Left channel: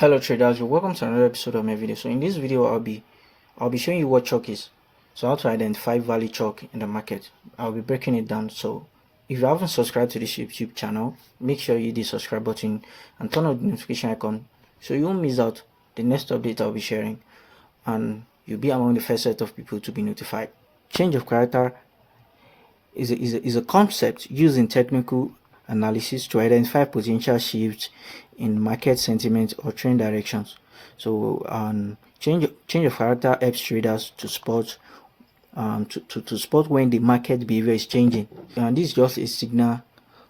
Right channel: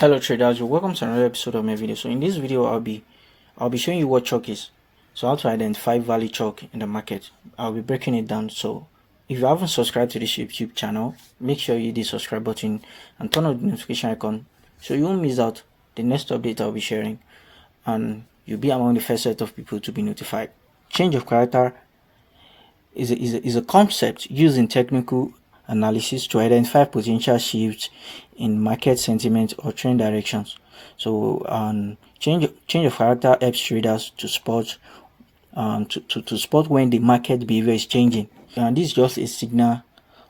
Hello traders, welcome to another episode of my video. So in this video I'll be showing you what CHOCH is. So how to identify valid CHOCH in the market. I'll be breaking it down. So if you haven't subscribed to this YouTube channel, make sure you hit the subscribe button and turn on the notification icon so you won't miss out the next update I'll be sharing, and you'll be among the first set of people to be notified. Change of character is a concept used in technical analysis to identify potential shifts in market sentiment or trend directions. So change of character helps traders to spot to spot when the market behavior is changing, and this is just a signal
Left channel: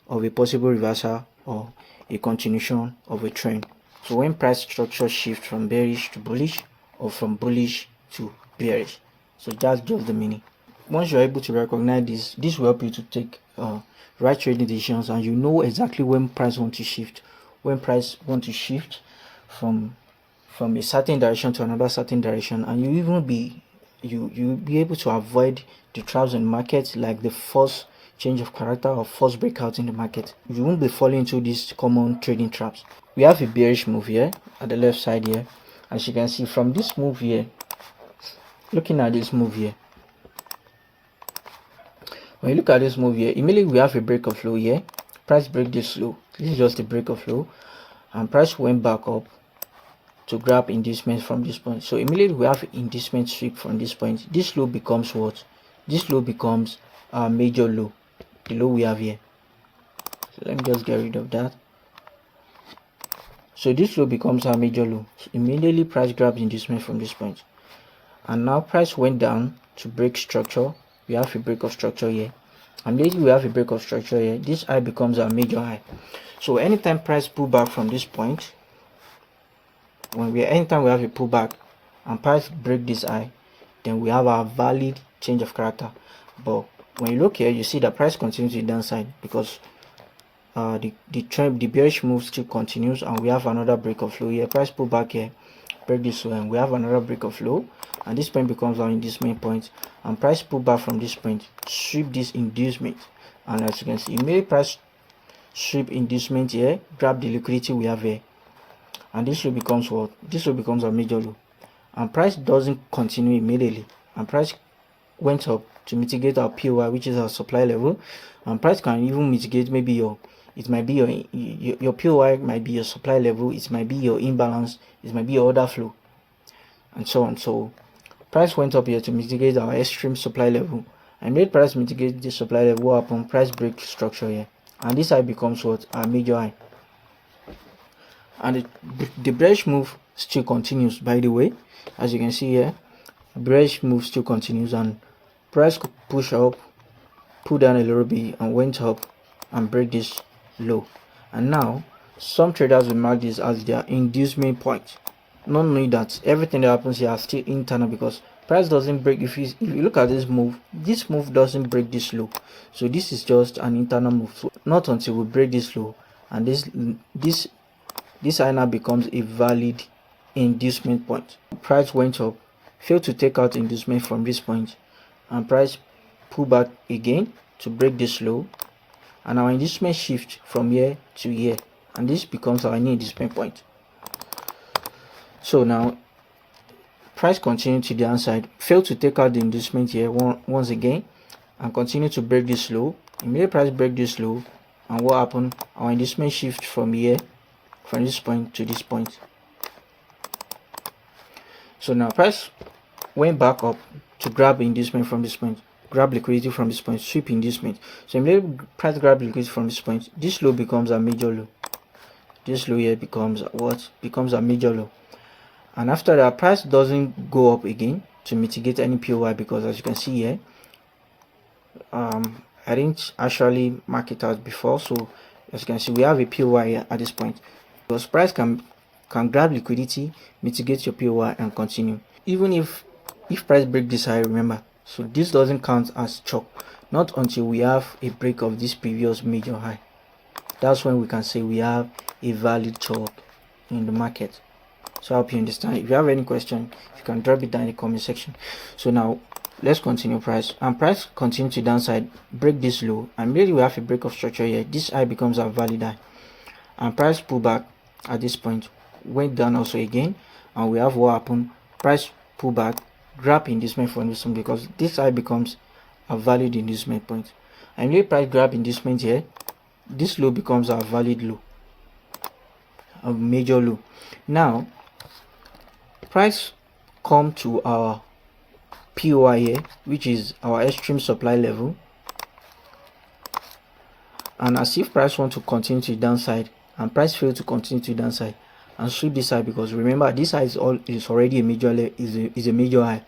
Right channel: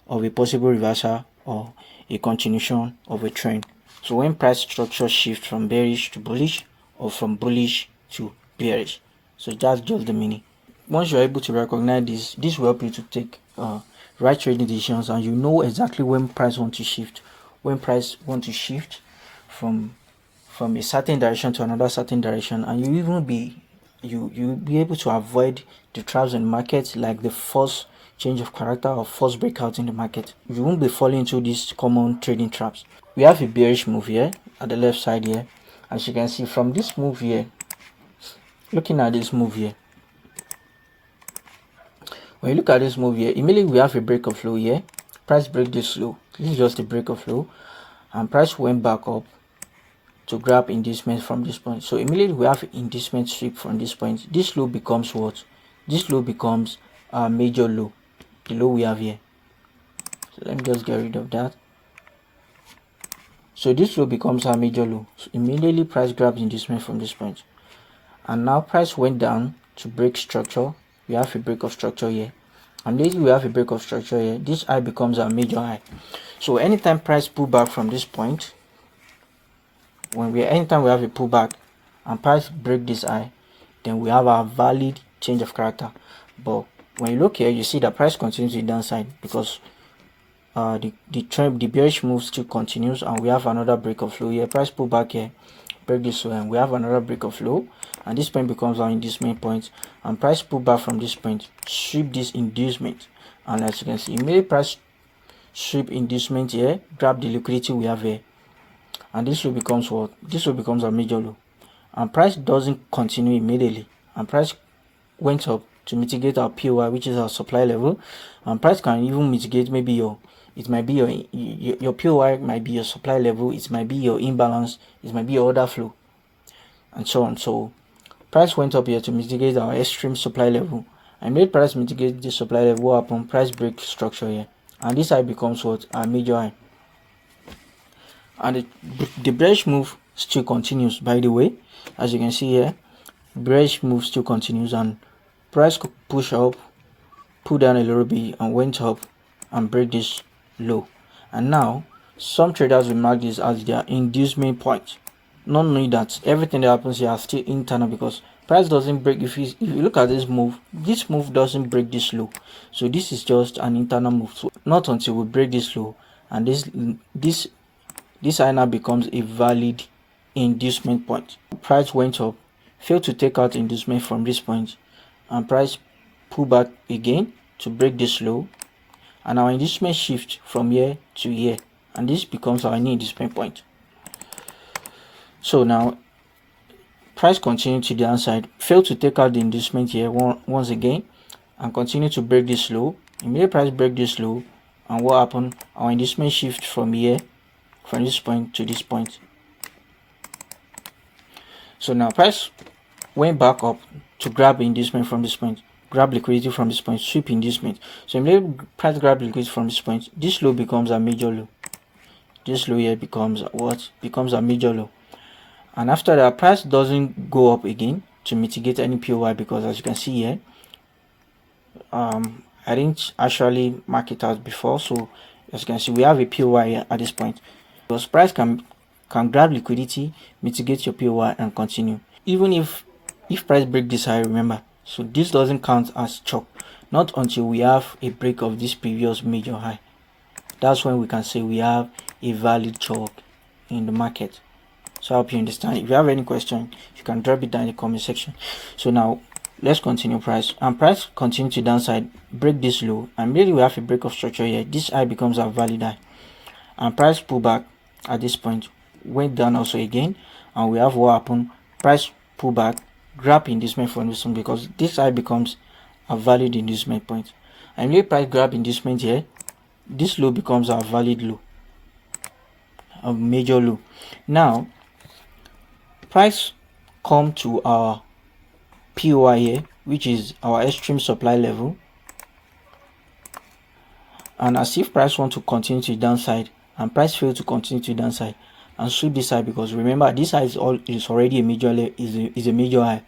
of a possible reversal or a continuation of a trend. So when price structure shifts from bearish to bullish or from bullish to bearish, so that's just the meaning. Once you're able to recognize this will help you to take right trading decisions, and you know exactly when price want to shift, from a certain direction to another certain direction, and you'll be able to avoid the traps in the market, like the first change of character or first breakout in the market. You won't be falling into these common trading traps. We have a bearish move here at the left side here. As you can see from this move here, looking at this move here, when you look at this move here, immediately we have a break of low here. Price break this low. This is just a break of low, and price went back up to grab inducement from this point. So immediately we have inducement sweep from this point. This low becomes what? This low becomes our major low, the low we have here. So let me just get rid of that. So this low becomes our major low. So immediately price grabs inducement from this point, and now price went down to break structure. We have a break of structure here, and later we have a break of structure here. This high becomes our major high. So anytime price pull back from this point, anytime we have a pullback and price break this high, then we have our valid change of character. But when you look here, you see that price continues to the downside because the bearish move still continues, and we have another break of low here. Price pull back here, break this low, and we have another break of low, and this point becomes our inducement point, and price pull back from this point, sweep this inducement, and as you can see, immediately price sweep inducement here, grab the liquidity we have here, and this low becomes what? This low becomes a major low, and price doesn't continue immediately, and price went up to mitigate our POI, which is our supply level, and price can even mitigate maybe your POI might be your supply level, it might be your imbalance, it might be your order flow, and so on. So price went up here to mitigate our extreme supply level, and made price mitigate the supply level. What happened? Price break structure here, and this high becomes what? Our major high. And the bearish move still continues, by the way. As you can see here, bearish move still continues, and price could push up, pull down a little bit, and went up and break this low. And now some traders will mark this as their inducement point, not knowing that everything that happens here is still internal, because price doesn't break. If you look at this move doesn't break this low, so this is just an internal move. So not until we break this low, and this high now becomes a valid inducement point. Price went up, failed to take out inducement from this point, and price pull back again to break this low, and our inducement shift from here to here, and this becomes our new inducement point. So now price continued to the downside, failed to take out the inducement here once again, and continue to break this low. Immediate price break this low, and what happened? Our inducement shift from here, from this point to this point. So now price went back up to grab inducement from this point, grab liquidity from this point, sweep inducement. So immediately price grab liquidity from this point, this low becomes a major low. This low here becomes what? Becomes a major low. And after that, price doesn't go up again to mitigate any POI, because as you can see here, I didn't actually mark it out before. So as you can see, we have a POI here at this point, because price can grab liquidity, mitigate your POI, and continue. Even if price break this high, remember, so this doesn't count as CHOCH, not until we have a break of this previous major high. That's when we can say we have a valid CHOCH in the market. So I hope you understand. If you have any question, you can drop it down in the comment section. So now let's continue. Price continue to downside, break this low, and maybe we have a break of structure here. This high becomes our valid high, and price pull back at this point, went down also again, and we have what happened, price pullback, grab inducement for inducement, because this high becomes a valid inducement point. And if price grab inducement here, this low becomes our valid low, a major low. Now price come to our POI here, which is our extreme supply level, and as if price want to continue to the downside, and price fail to continue to the downside and sweep this high, because remember this high is already a major is a major high,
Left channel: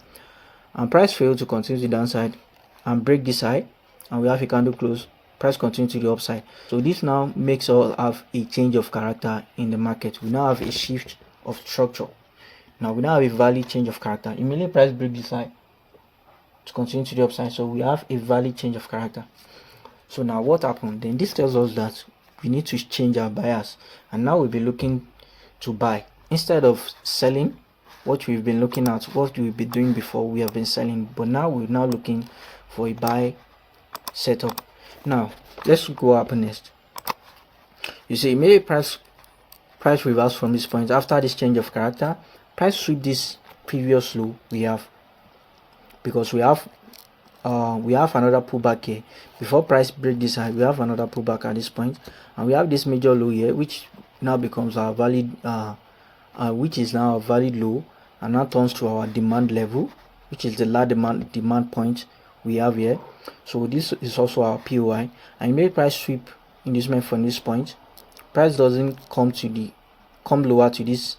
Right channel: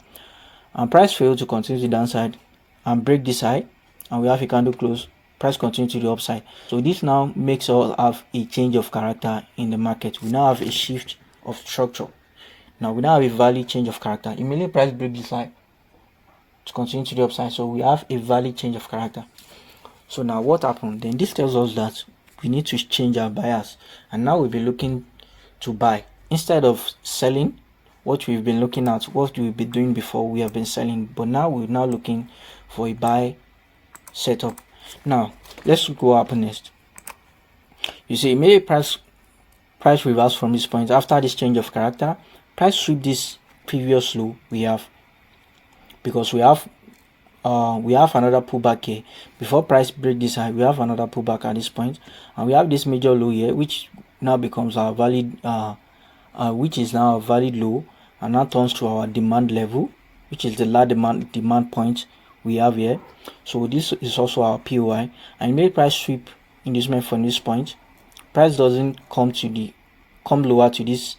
and price fail to continue to the downside and break this high, and we have a candle close, price continue to the upside. So this now makes us have a change of character in the market. We now have a shift of structure. Now we now have a valid change of character. Immediately price break this high to continue to the upside, so we have a valid change of character. So now what happened? Then this tells us that we need to change our bias, and now we'll be looking to buy instead of selling. What we've been looking at, what we've been doing before, we have been selling, but now we're now looking for a buy setup. Now let's look what happened next. You see, immediate price reverse from this point. After this change of character, price sweep this previous low we have, because we have another pullback here. Before price break this high, we have another pullback at this point, and we have this major low here, which now becomes our valid which is now a valid low, and now turns to our demand level, which is the last demand point we have here. So this is also our POI, and make price sweep inducement from this point. Price doesn't come lower to this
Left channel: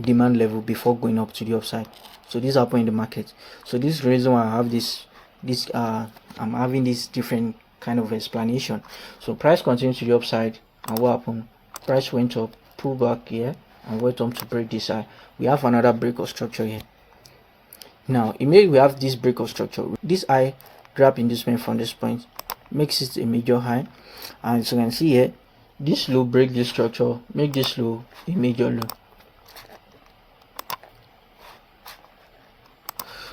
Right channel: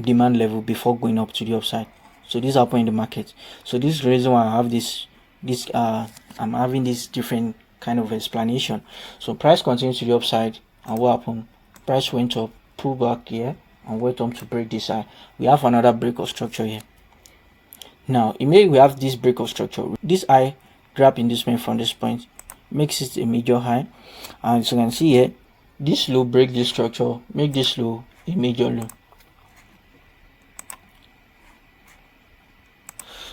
demand level before going up to the upside. So this happen in the market. So this is the reason why I have I'm having this different kind of explanation. So price continues to the upside, and what happened? Price went up, pull back here, and went on to break this high. We have another break of structure here. Now immediately we have this break of structure. This high grab inducement from this point makes it a major high, and as you can see here, this low break this structure, make this low a major low.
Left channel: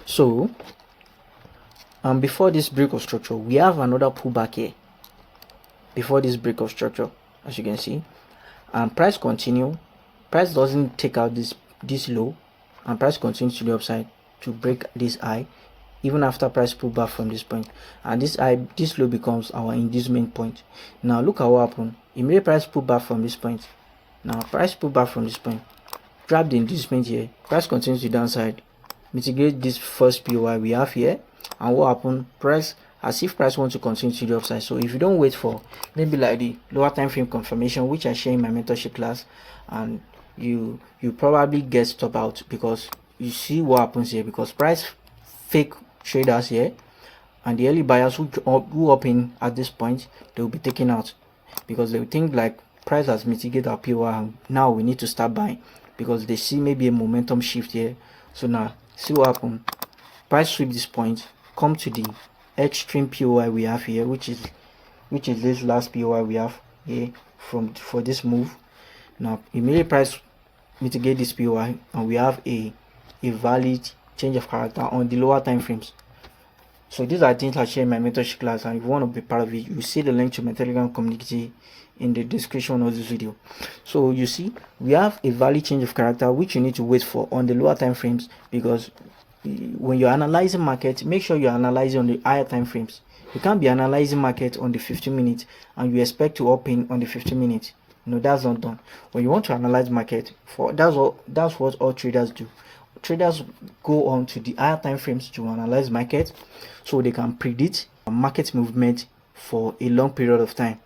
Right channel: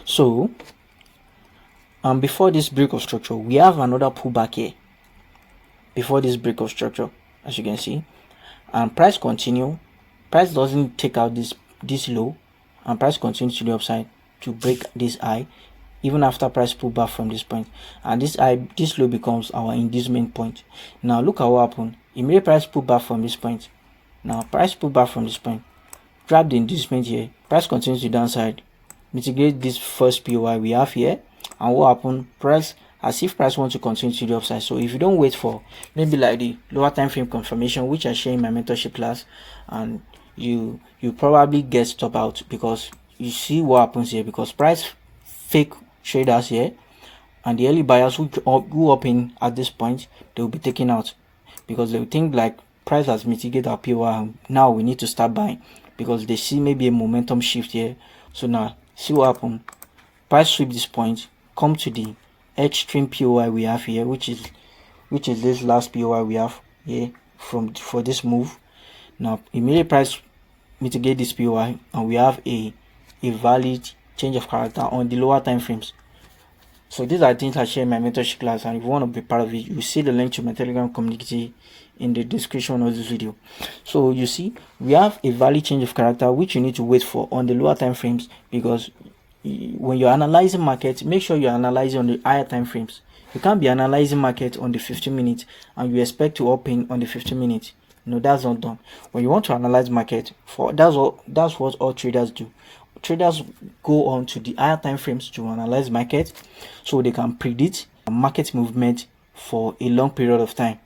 So before this break of structure, we have another pullback here before this break of structure, as you can see, and price doesn't take out this low, and price continues to the upside to break this high even after price pull back from this point, and this low becomes our inducement point. Now look at what happened. Immediate price pull back from this point. Now price pull back from this point, grab the inducement here, price continues to downside, mitigate this first POI we have here, and what happened? Price, as if price wants to continue to the upside. So if you don't wait for maybe like the lower time frame confirmation, which I share in my mentorship class, and you probably get stop out, because you see what happens here, because price fake traders here, and the early buyers who up in at this point, they will be taken out, because they will think like price has mitigated our POI, and now we need to start buying, because they see maybe a momentum shift here. So now see what happened. Price sweep this point, come to the extreme POI we have here, which is this last POI we have here for this move. Now immediate price mitigate this POI, and we have a valid change of character on the lower time frames. So these are things I share in my mentorship class, and if you want to be part of it, you see the link to my Telegram community in the description of this video. So you see, we have a valid change of character which you need to wait for on the lower time frames, because when you're analyzing market, make sure you're analyzing on the higher time frames. You can't be analyzing market on the 15 minutes and you expect to open on the 15 minutes. No, that's not done. When you want to analyze market, that's what all traders do. Traders go on to the higher time frames to analyze market, so they can predict market movement for a long period of time.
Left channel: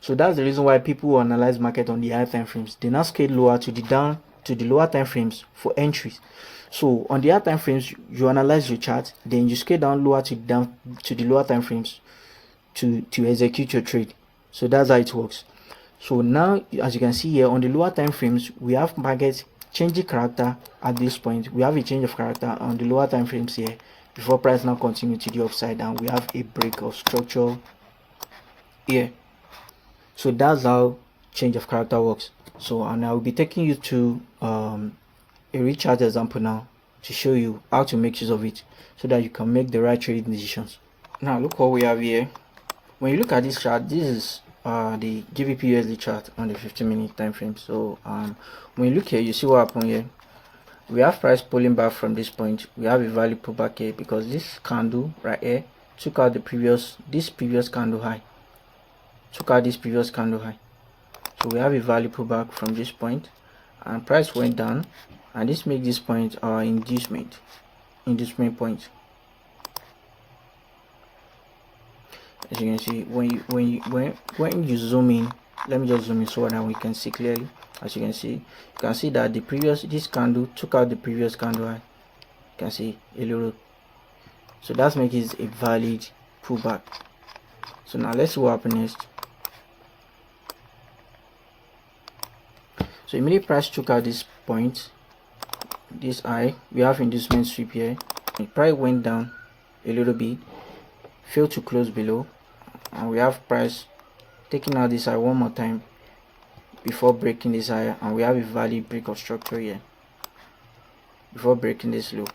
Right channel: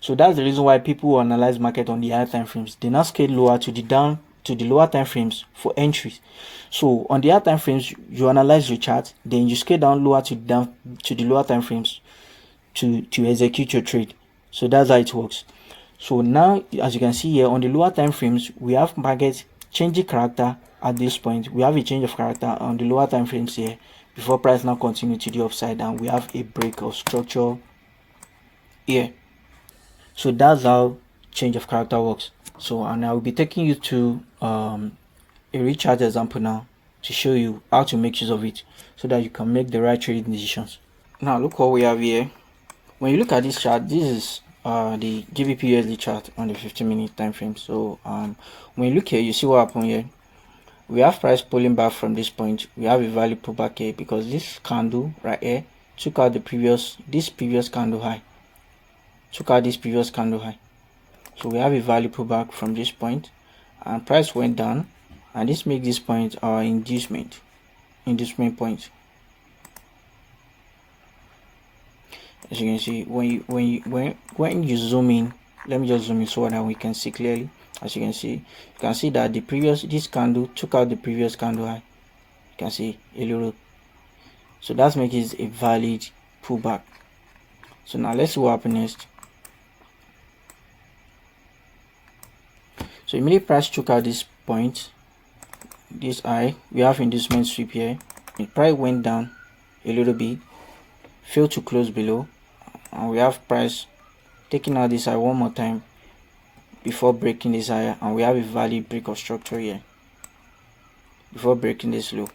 So that's the reason why people who analyze market on the higher time frames, they now scale lower to the lower time frames for entries. So on the higher time frames, you analyze your chart, then you scale down lower to the lower time frames to execute your trade. So that's how it works. So now, as you can see here, on the lower time frames, we have market changing character at this point. We have a change of character on the lower time frames here before price now continue to the upside, and we have a break of structure here. So that's how change of character works. So, and I will be taking you to a recharge example now to show you how to make use of it, so that you can make the right trading decisions. Now look what we have here. When you look at this chart, this is the GBP USD chart on the 15-minute time frame. So when you look here, you see what happened here. We have price pulling back from this point. We have a value pullback here because this candle right here took out this previous candle high. So we have a value pullback from this point, and price went down, and this makes this point our inducement point. As you can see, when you zoom in, let me just zoom in so that we can see clearly. As you can see that this candle took out the previous candle high. You can see a little, so that's making it a valid pullback. So now let's see what happens next. So immediately price took out this point, this high. We have inducement sweep here. The price went down a little bit, failed to close below, and we have price taking out this high one more time before breaking this higher, and we have a valid break of structure here before breaking this low,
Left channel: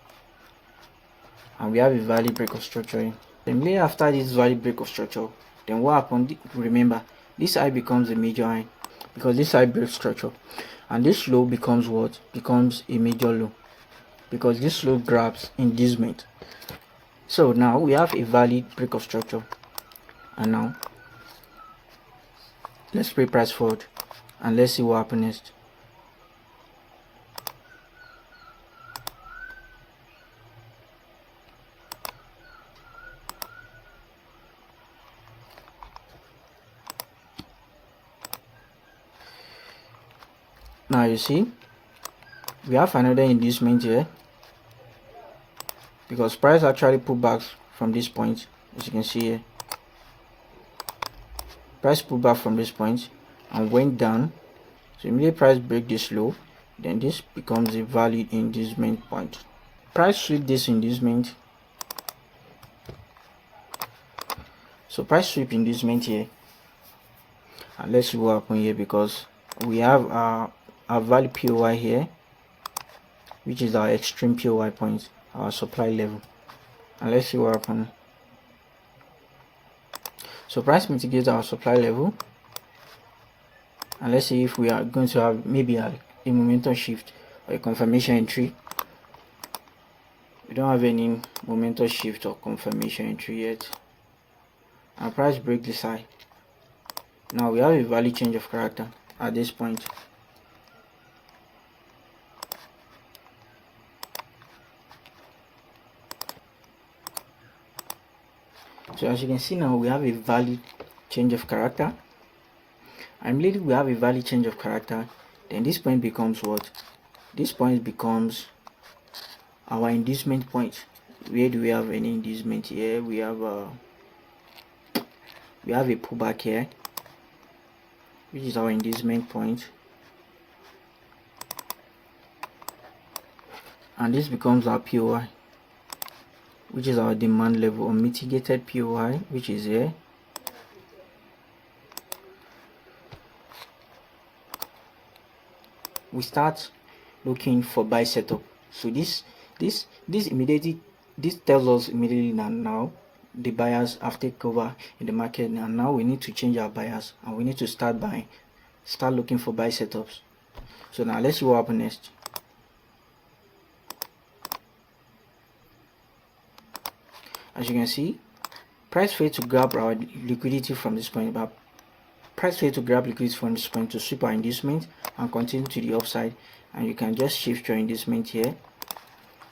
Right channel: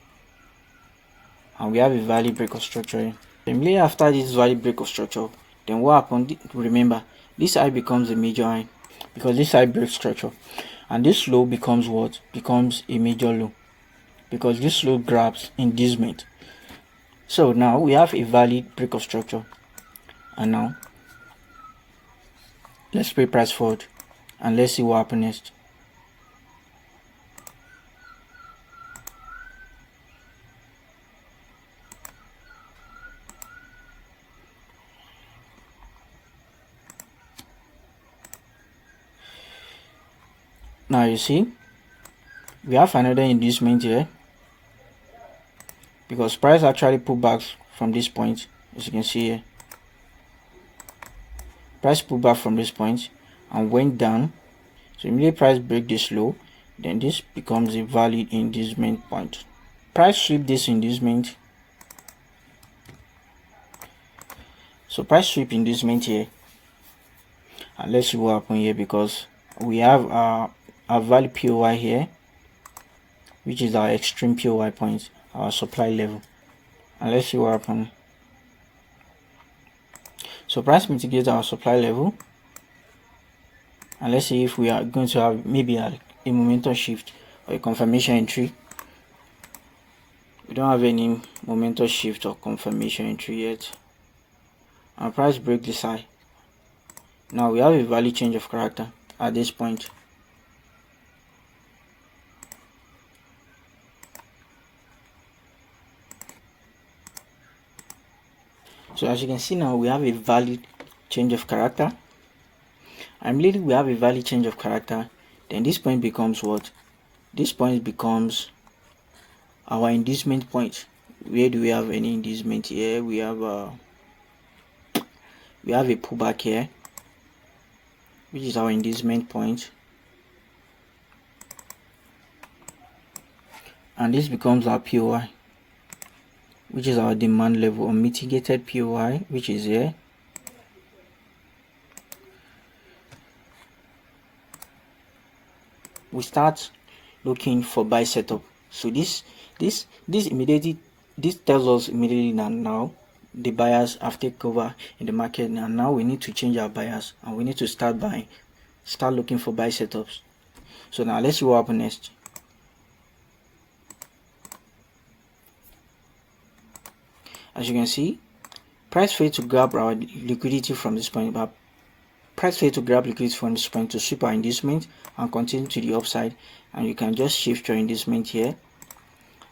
and we have a valid break of structure here. Immediately after this valid break of structure, then what happened? Remember, this high becomes a major high because this high breaks structure, and this low becomes what? Becomes a major low because this low grabs inducement. So now we have a valid break of structure, and now let's play price forward and let's see what happens next. Now you see we have another inducement here because price actually pulled back from this point. As you can see here, price pulled back from this point and went down. So immediately price break this low, then this becomes a valid inducement point. Price sweep this inducement. So price sweep inducement here, and let's see what happens here because we have our valid POI here, which is our extreme POI point, our supply level, and let's see what happens. So price mitigates our supply level, and let's see if we are going to have maybe a momentum shift or a confirmation entry. We don't have any momentum shift or confirmation entry yet, and price break this high. Now we have a value change of character at this point. So as you can see now, we have a valid change of character. And immediately we have a valid change of character, then this point becomes what? This point becomes our inducement point. Where do we have any inducement here? We have a pullback here, which is our inducement point, and this becomes our POI, which is our demand level, or mitigated POI, which is here. We start looking for buy setup. So this immediately, this tells us immediately that now the buyers have taken over in the market, and now we need to change our buyers and we need to start buying, start looking for buy setups. So now let's see what happens next. As you can see, price failed to grab our liquidity from this point, but price failed to grab liquidity from this point to sweep our inducement and continue to the upside, and you can just shift your inducement here,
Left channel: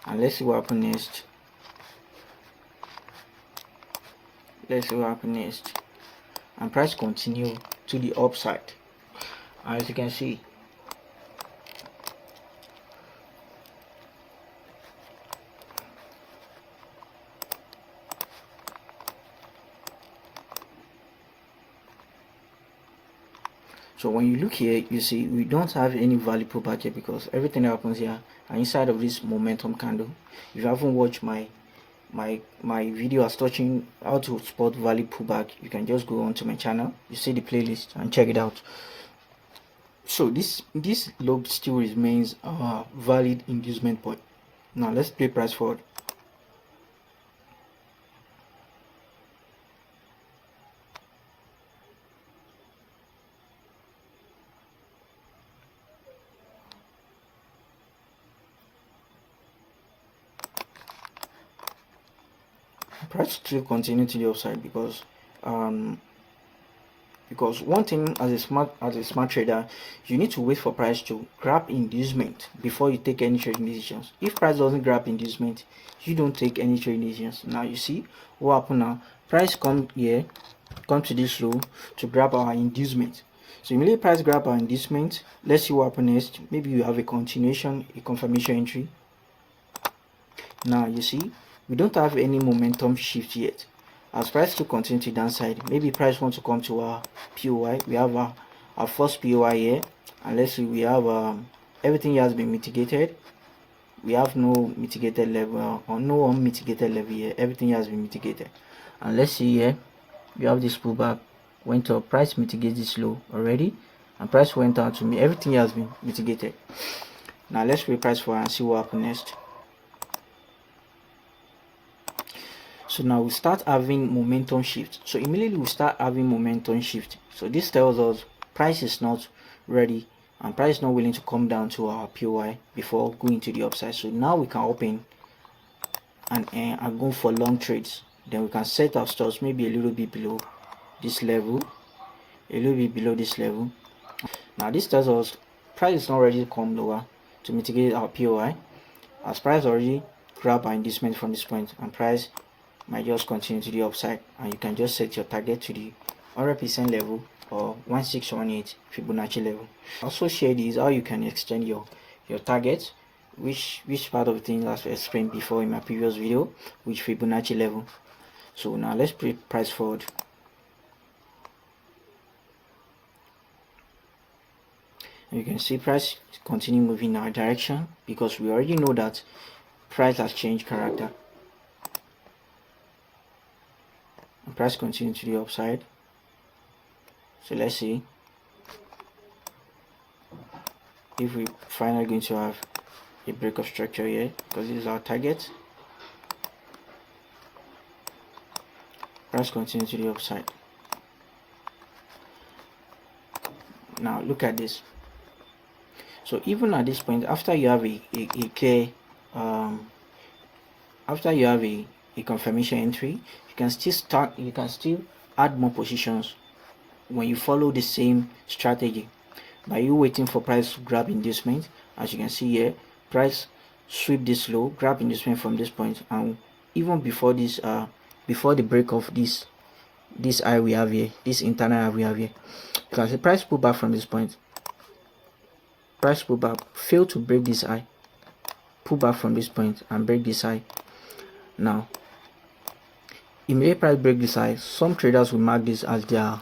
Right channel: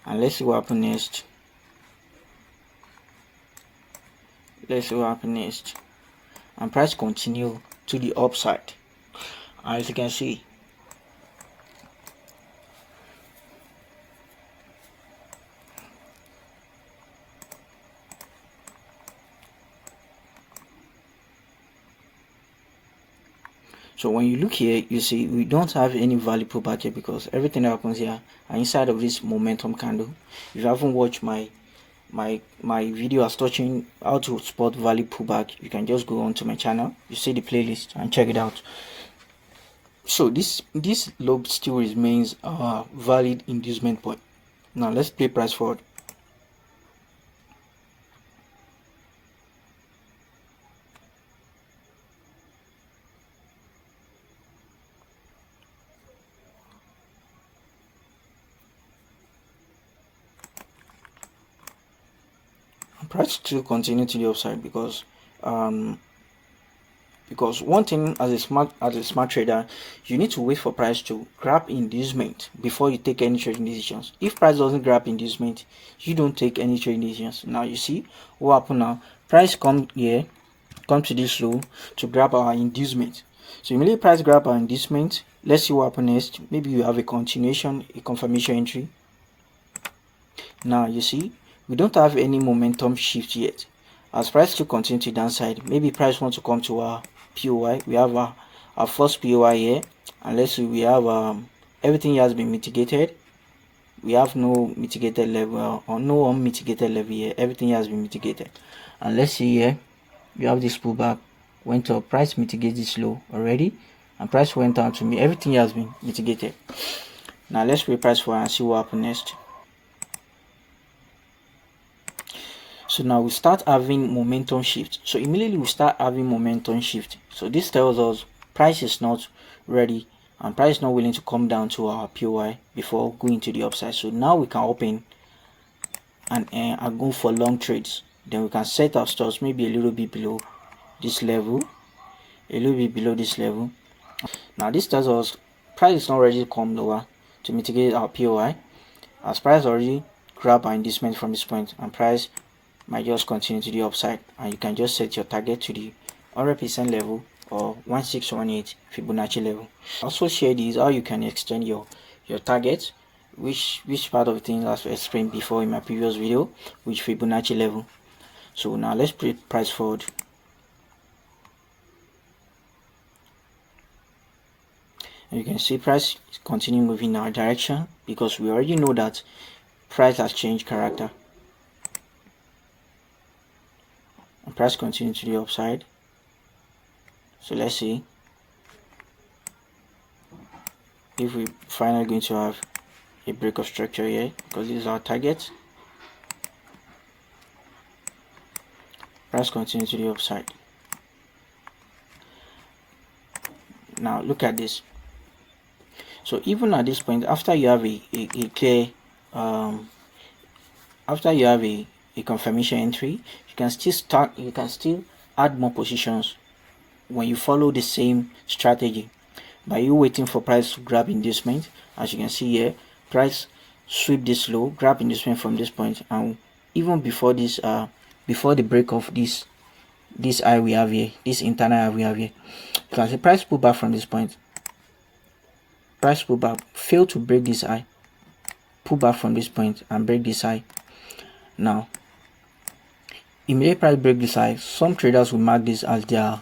and let's see what happens next. And price continue to the upside, as you can see. So when you look here, you see we don't have any value pullback here because everything that happens here are inside of this momentum candle. If you haven't watched my video as touching how to spot value pullback, you can just go onto my channel, you see the playlist and check it out. So this low still remains a valid inducement point. Now let's play price forward. price still continue to the upside because one thing as a smart trader, you need to wait for price to grab inducement before you take any trading decisions. If price doesn't grab inducement, you don't take any trading decisions. Now you see what happened now. Price come here, come to this low to grab our inducement. So immediately price grab our inducement. Let's see what happens next. Maybe you have a continuation, a confirmation entry. Now you see we don't have any momentum shift yet. As price to continue to downside, maybe price wants to come to our POI. We have our first POI here, and let's see we have everything has been mitigated. We have no mitigated level or no unmitigated level here. Everything has been mitigated. And let's see here, you have this pullback, went up, price mitigated this low already, and price went down to me. Everything has been mitigated. Now let's reprice for and see what happens next. So now we start having momentum shift. So immediately we start having momentum shift. So this tells us price is not ready and price is not willing to come down to our POI before going to the upside. So now we can open and go for long trades. Then we can set our stops maybe a little bit below this level, a little bit below this level. Now this tells us price is not ready to come lower to mitigate our POI, as price already grab our inducement from this point, and price might just continue to the upside, and you can just set your target to the 100% level or 1618 Fibonacci level. Also share this how you can extend your target, which part of the thing as I explained before in my previous video, which Fibonacci level. So now let's price forward. And you can see price continue moving in our direction because we already know that price has changed character. And price continue to the upside. So let's see if we finally going to have a break of structure here, because this is our target. Price continue to the upside. Now look at this. So even at this point, after you have a clear after you have a confirmation entry, you can still add more positions when you follow the same strategy by you waiting for price to grab inducement. As you can see here, price sweep this low, grab inducement from this point, and even before this before the break of this high we have here, this internal high we have here, you can see price pull back from this point. Price pull back, fail to break this high, pull back from this point and break this high. Now immediate price break this high, some traders will mark this as their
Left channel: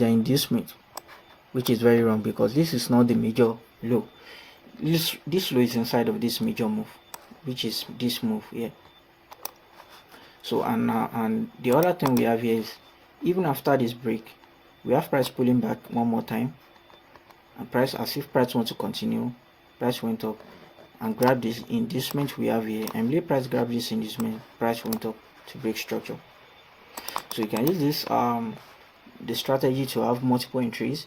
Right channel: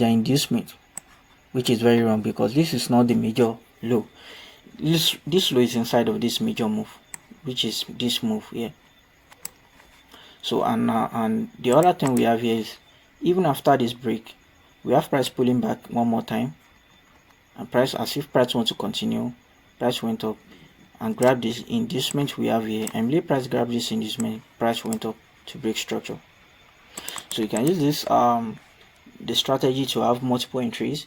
inducement, which is very wrong because this is not the major low. This low is inside of this major move, which is this move here. So and the other thing we have here is, even after this break, we have price pulling back one more time, and price, as if price wants to continue, price went up and grab this inducement we have here, and let price grab this inducement, price went up to break structure. So you can use this the strategy to have multiple entries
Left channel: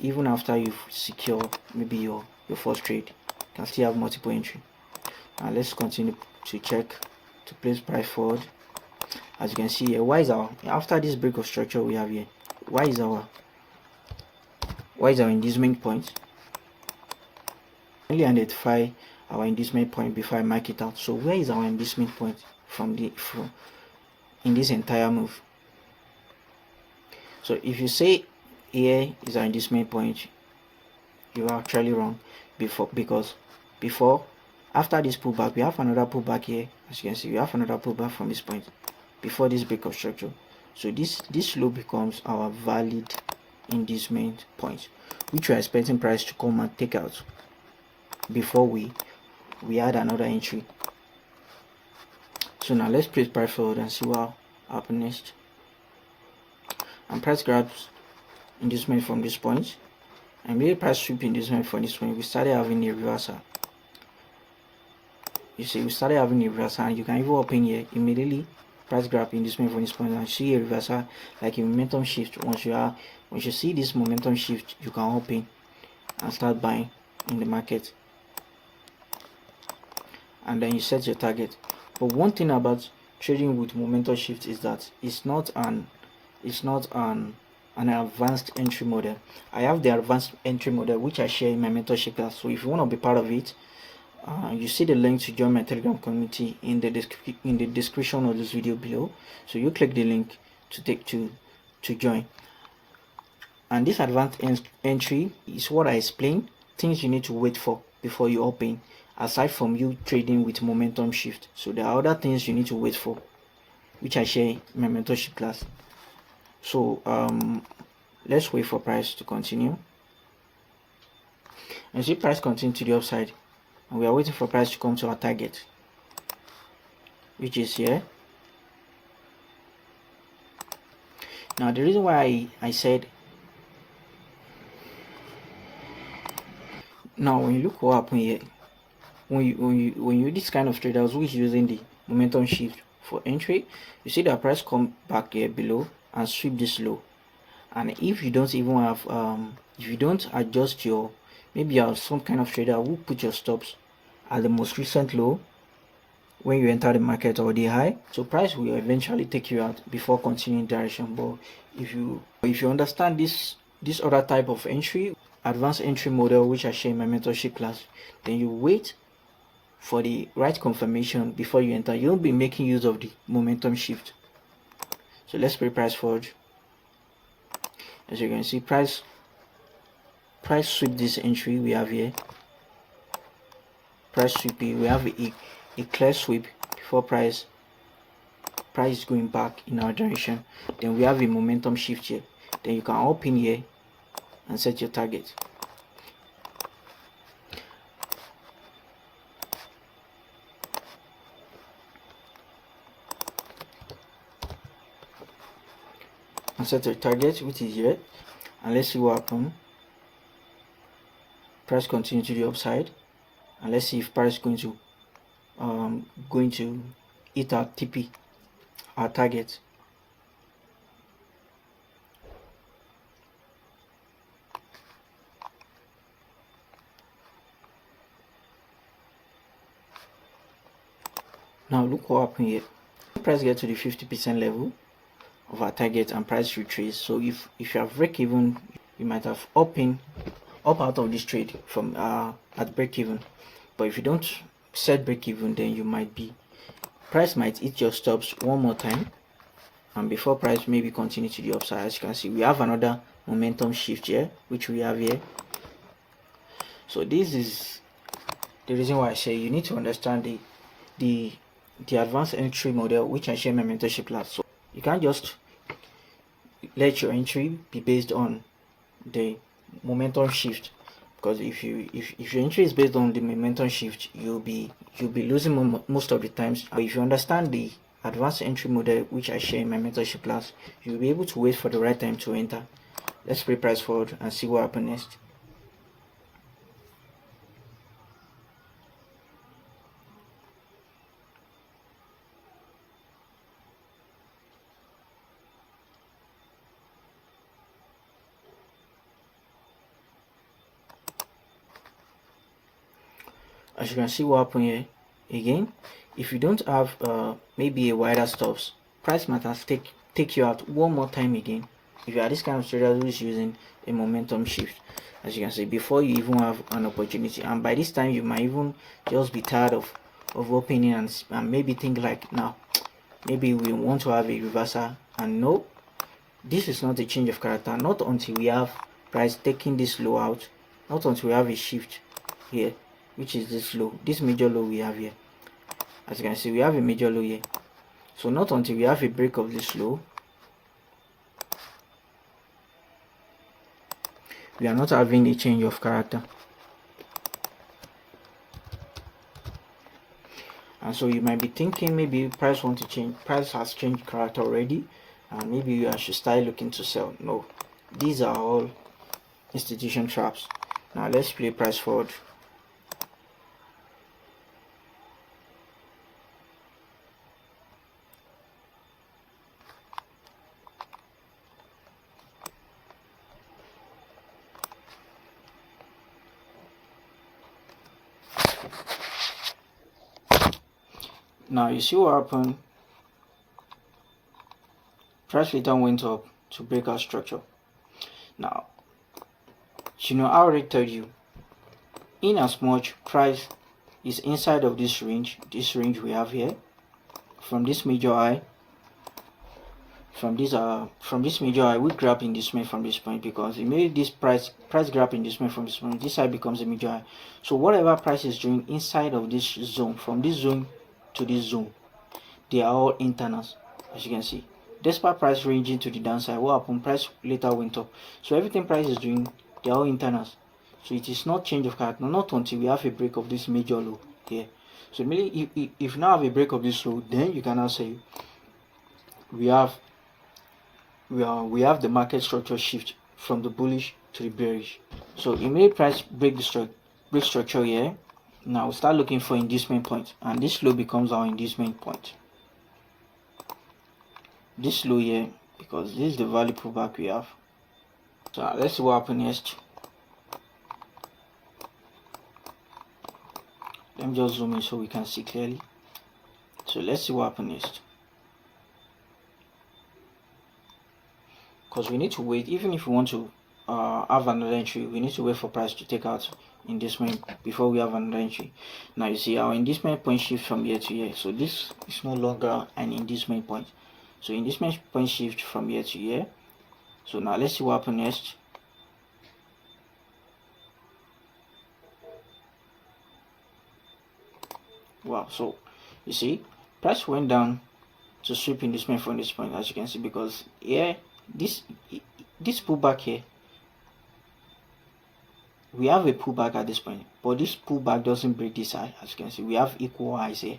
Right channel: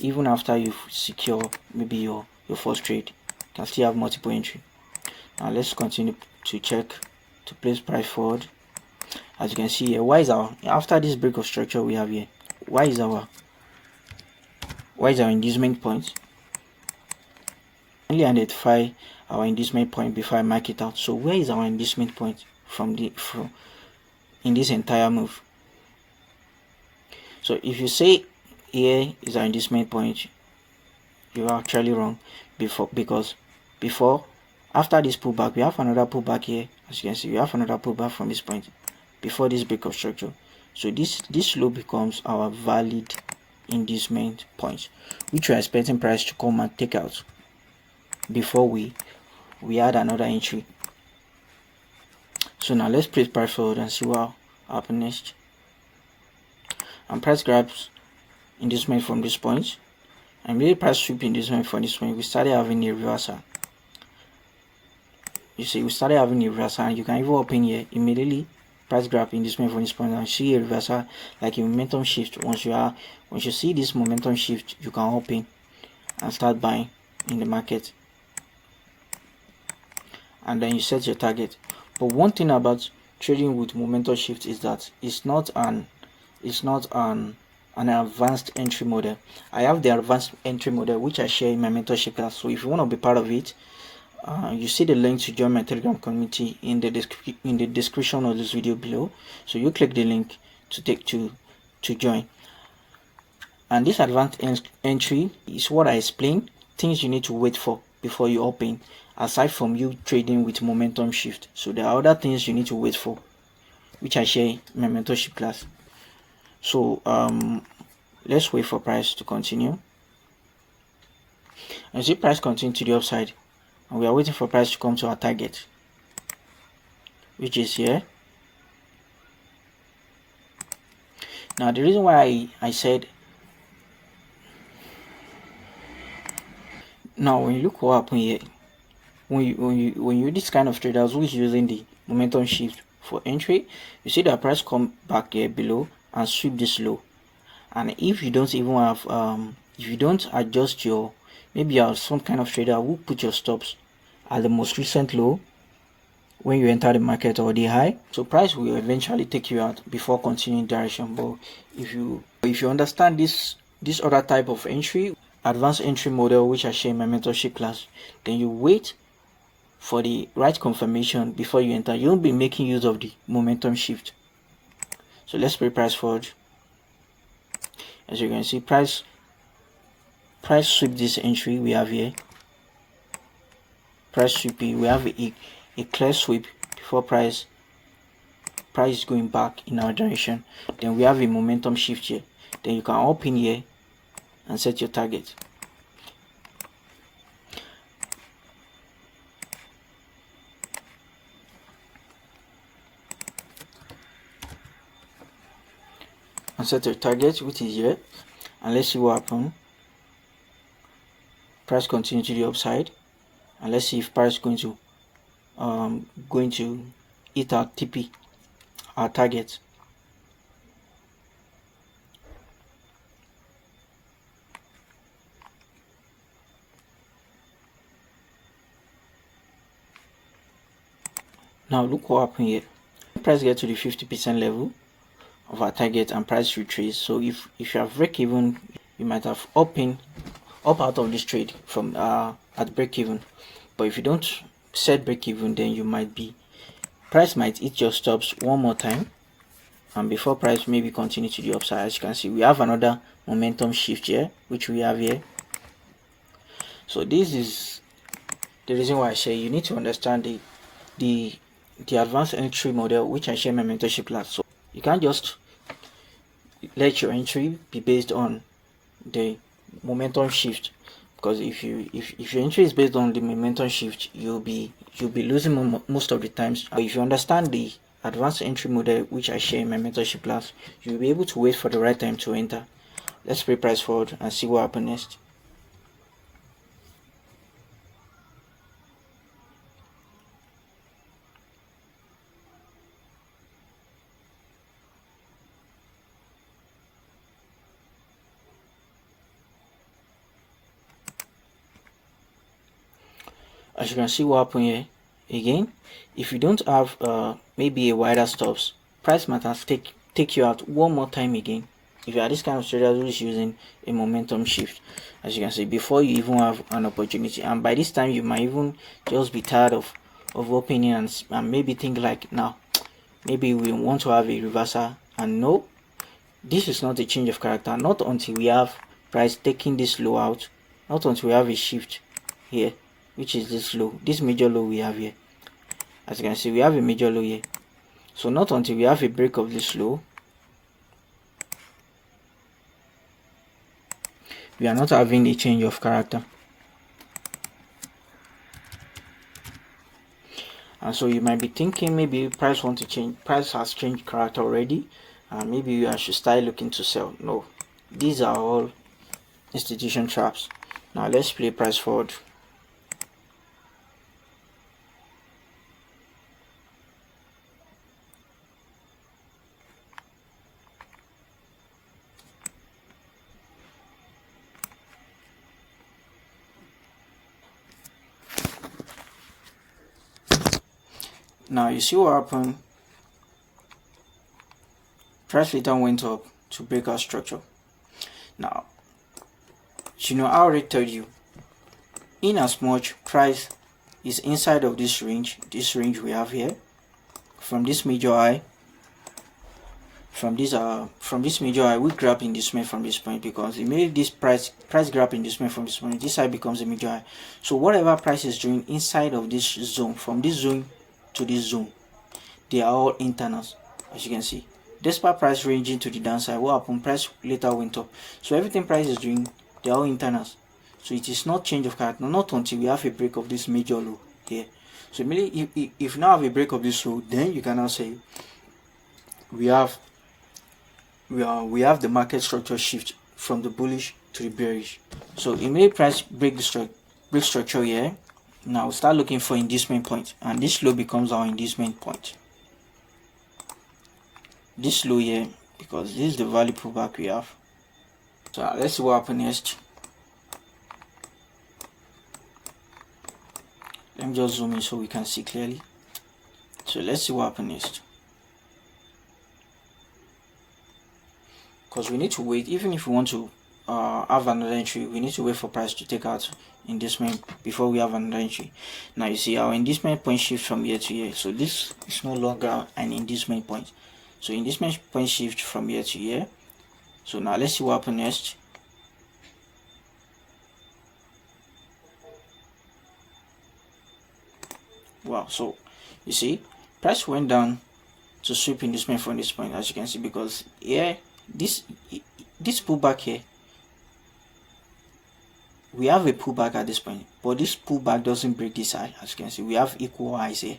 even after you've secured maybe your first trade. You can still have multiple entry. Now let's continue to check to place price forward. As you can see here, why is our, after this break of structure we have here, why is our inducement point? Only identify our inducement point before I mark it out. So where is our inducement point in this entire move? So if you say here is our inducement point, you are actually wrong. Because after this pullback, we have another pullback here. As you can see, we have another pullback from this point before this break of structure. So this low becomes our valid inducement point, which we are expecting price to come and take out before we add another entry. So now let's place price forward and see what happens next. And price grabs inducement from this point, and maybe price sweep inducement from this point. We started having a reversal. You see, we started having a reversal, and you can even open here immediately. Price grab inducement from this point and see a reversal, like a momentum shift. Once you see this momentum shift, you can open and start buying in the market, and then you set your target. But one thing about trading with momentum shift is that it's not an advanced entry model. I have the advanced entry model which I share in my mentorship class. So if you want to be part of it, you see the link to join my Telegram community in the description of this video below. So you click the link to join. And this advanced entry is what I explained, things you need to wait for before you open, aside from you trading with momentum shift. So there are other things you need to wait for, which I share in my mentorship class. So let's wait for price to continue. And see price continue to the upside, and we are waiting for price to come to our target, which is here. Now the reason why I said, now when you look what happened here, when you this kind of traders who is using the momentum shift for entry, you see that price come back here below and sweep this low. And if you don't even have if you don't adjust your, maybe you are some kind of trader who put your stops at the most recent low when you enter the market or the high, so price will eventually take you out before continuing direction. But if you understand this other type of entry, advanced entry model, which I share in my mentorship class, then you wait for the right confirmation before you enter. You'll be making use of the momentum shift. So let's play price forward. As you can see, price sweep this entry we have here. Price sweeping, we have a clear sweep before price is going back in our direction. Then we have a momentum shift here. Then you can open here and set your target. And set your target, which is here, and let's see what happens. Price continue to the upside, and let's see if price going to hit our TP, our target. Now look what happened here. Price get to the 50% level of our target and price retrace. So if you have break even, you might have up out of this trade from at break even. But if you don't set break even, then you might be, price might hit your stops one more time, and before price maybe continue to the upside. As you can see, we have another momentum shift here, which we have here. So this is the reason why I say you need to understand the advanced entry model, which I share in my mentorship class. So you can't just let your entry be based on the momentum shift, because if your entry is based on the momentum shift, you'll be losing most of the times. But if you understand the advanced entry model, which I share in my mentorship class, you'll be able to wait for the right time to enter. Let's play price forward and see what happens next. As you can see what happened here, again, if you don't have maybe a wider stops, price might have take you out one more time again. If you are this kind of trader who is using a momentum shift, as you can see, before you even have an opportunity, and by this time you might even just be tired of opening and maybe think like, now maybe we want to have a reversal. And no, this is not a change of character, not until we have price taking this low out, not until we have a shift here, which is this low, this major low we have here. As you can see, we have a major low here. So not until we have a break of this low, we are not having a change of character. And so you might be thinking maybe price want to change, price has changed character already, and maybe I should start looking to sell. No, these are all institution traps. Now let's play price forward. Now you see what happened. Price later went up to break our structure. Now, I already told you, in as much price is inside of this range we have here, from this major high, from this major high, we grab inducement from this point, because it made this price grab inducement from this point. This side becomes a major high. So whatever price is doing inside of this zone, from this zone to this zone, they are all internals, as you can see. Despite price ranging to the downside, what happened? Price later went up. So everything price is doing, they are all internals. So it is not change of character, not until we have a break of this major low here. So immediately, if you now have a break of this low, then you can now say we have the market structure shift from the bullish to the bearish. So immediate price break structure here. Now start looking for inducement point, and this low becomes our inducement point. This low here, because this is the value pullback we have. So let's see what happens next. Let me just zoom in so we can see clearly. So let's see what happens next. Because we need to wait, even if we want to have another entry, we need to wait for price to take out inducement before we have another entry. Now you see our inducement point shift from here to here. So this is no longer an inducement point. So inducement point shift from here to here. So now let's see what happens next. Wow, so you see price went down to sweep inducement from this point, as you can see, because here this pullback here, we have a pullback at this point, but this pullback doesn't break this high. As you can see, we have equal highs here.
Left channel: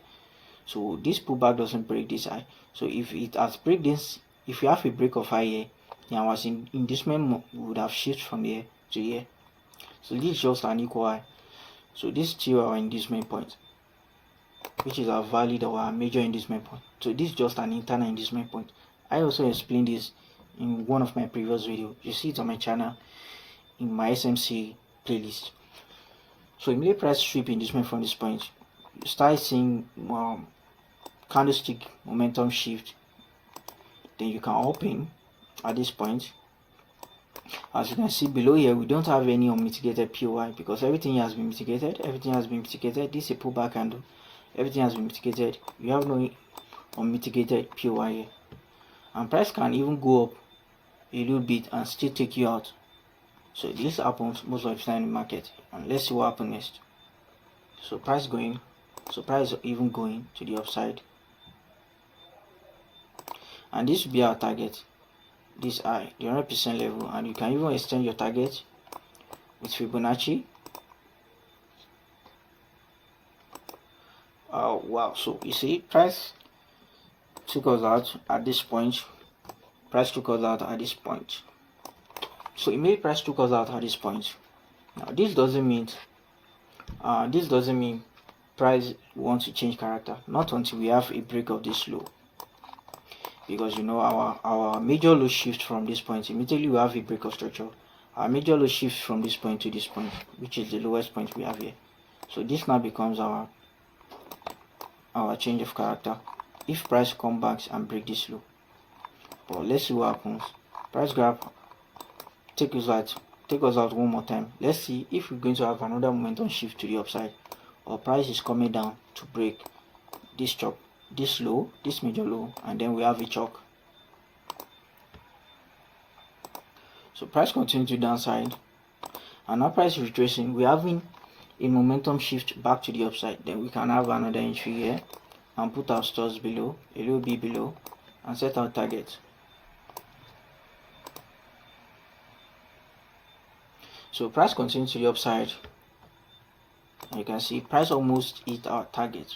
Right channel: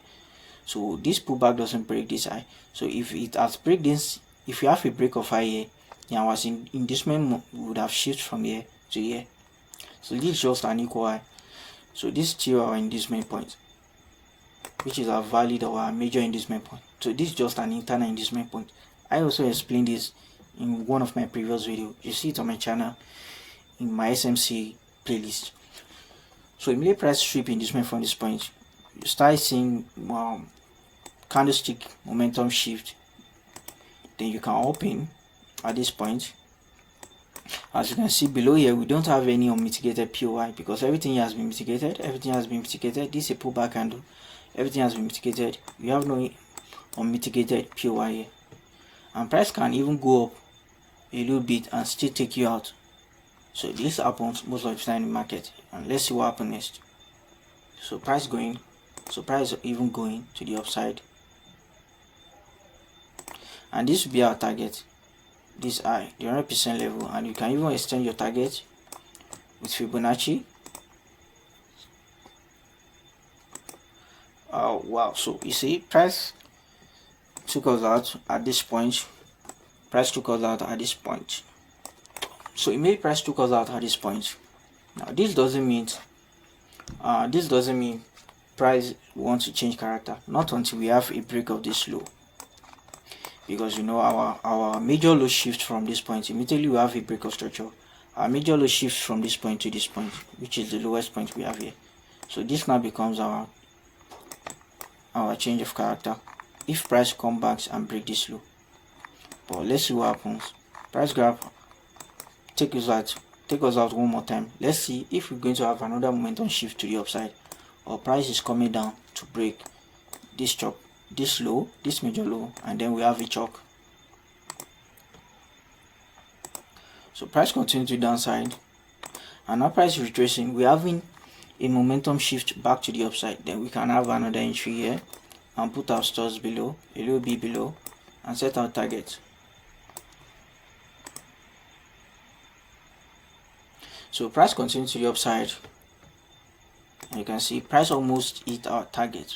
So this pullback doesn't break this high. So if it has break this, if you have a break of high here, our inducement would have shifted from here to here. So this is just an equal high. So this is still our inducement point, which is our valid or our major inducement point. So this is just an internal inducement point. I also explained this in one of my previous videos. You see it on my channel in my SMC playlist. So immediate price sweep inducement from this point, you start seeing candlestick momentum shift. Then you can open at this point. As you can see below here, we don't have any unmitigated POI, because everything has been mitigated. This is a pullback candle. Everything has been mitigated. You have no unmitigated POI here. And price can even go up a little bit and still take you out. So this happens most of the time in the market. And let's see what happens next. So price even going to the upside. And this will be our target. This high, the 100% level, and you can even extend your target with Fibonacci. Wow, so you see price took us out at this point. So immediate price took us out at this point. Now this doesn't mean price wants to change character, not until we have a break of this low. Because our major low shift from this point, immediately we have a break of structure. Our major low shift from this point to this point, which is the lowest point we have here. So this now becomes our change of character if price comes back and break this low. But let's see what happens. Price grab, take us out one more time. Let's see if we're going to have another momentum shift to the upside, or price is coming down to break this chop, this low, this major low, and then we have a CHOCH. So price continues to downside, and now price retracing. We're having a momentum shift back to the upside. Then we can have another entry here and put our stops below, a little bit below, and set our target. So price continues to the upside, and you can see price almost hit our target,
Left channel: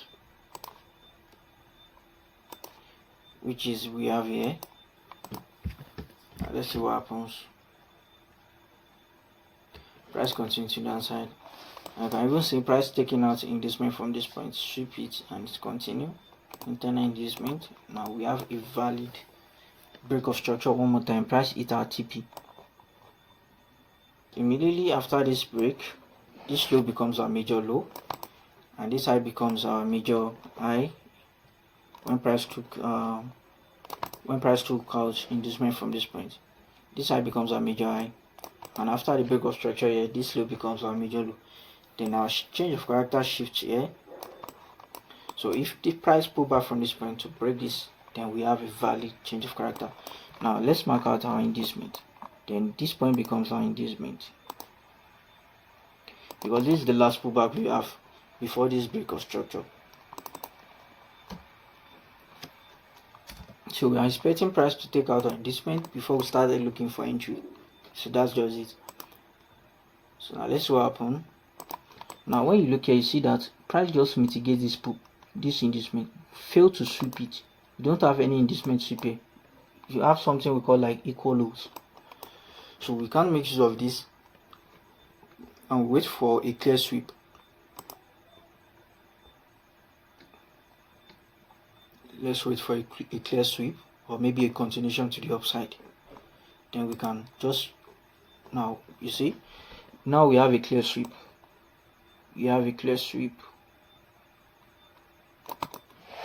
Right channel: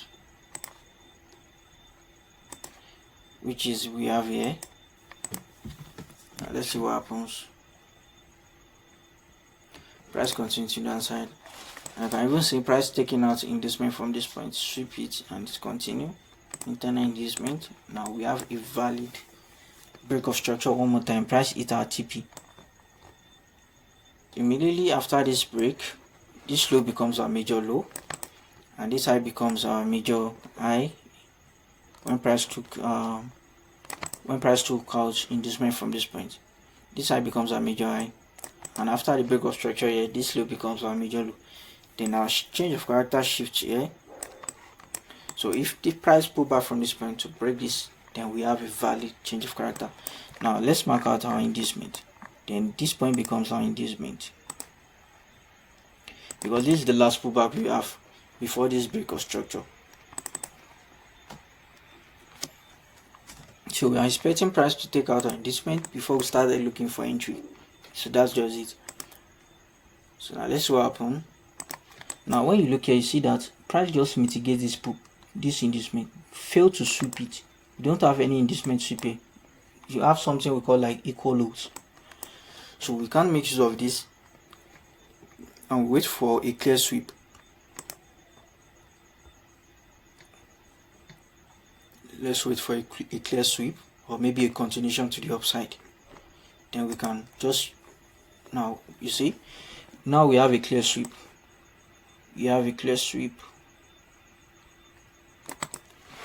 which is we have here. Now let's see what happens. Price continues to downside. I can even see price taking out inducement from this point, sweep it, and it's continue internal inducement. Now we have a valid break of structure one more time. Price hit our TP. Immediately after this break, this low becomes our major low, and this high becomes our major high, when price took out inducement from this point. This high becomes our major high, and after the break of structure here, this low becomes our major low. Then our change of character shifts here. So if the price pull back from this point to break this, then we have a valid change of character. Now let's mark out our inducement. Then this point becomes our inducement, because this is the last pullback we have before this break of structure. So we are expecting price to take out our inducement before we started looking for entry. So that's just it. So now let's see what happens. Now when you look here, you see that price just mitigates this inducement, fail to sweep it. You don't have any inducement sweep here. You have something we call like equal lows. So we can't make use of this and wait for a clear sweep. Let's wait for a clear sweep, or maybe a continuation to the upside. Then we can just, now you see, now we have a clear sweep. We have a clear sweep.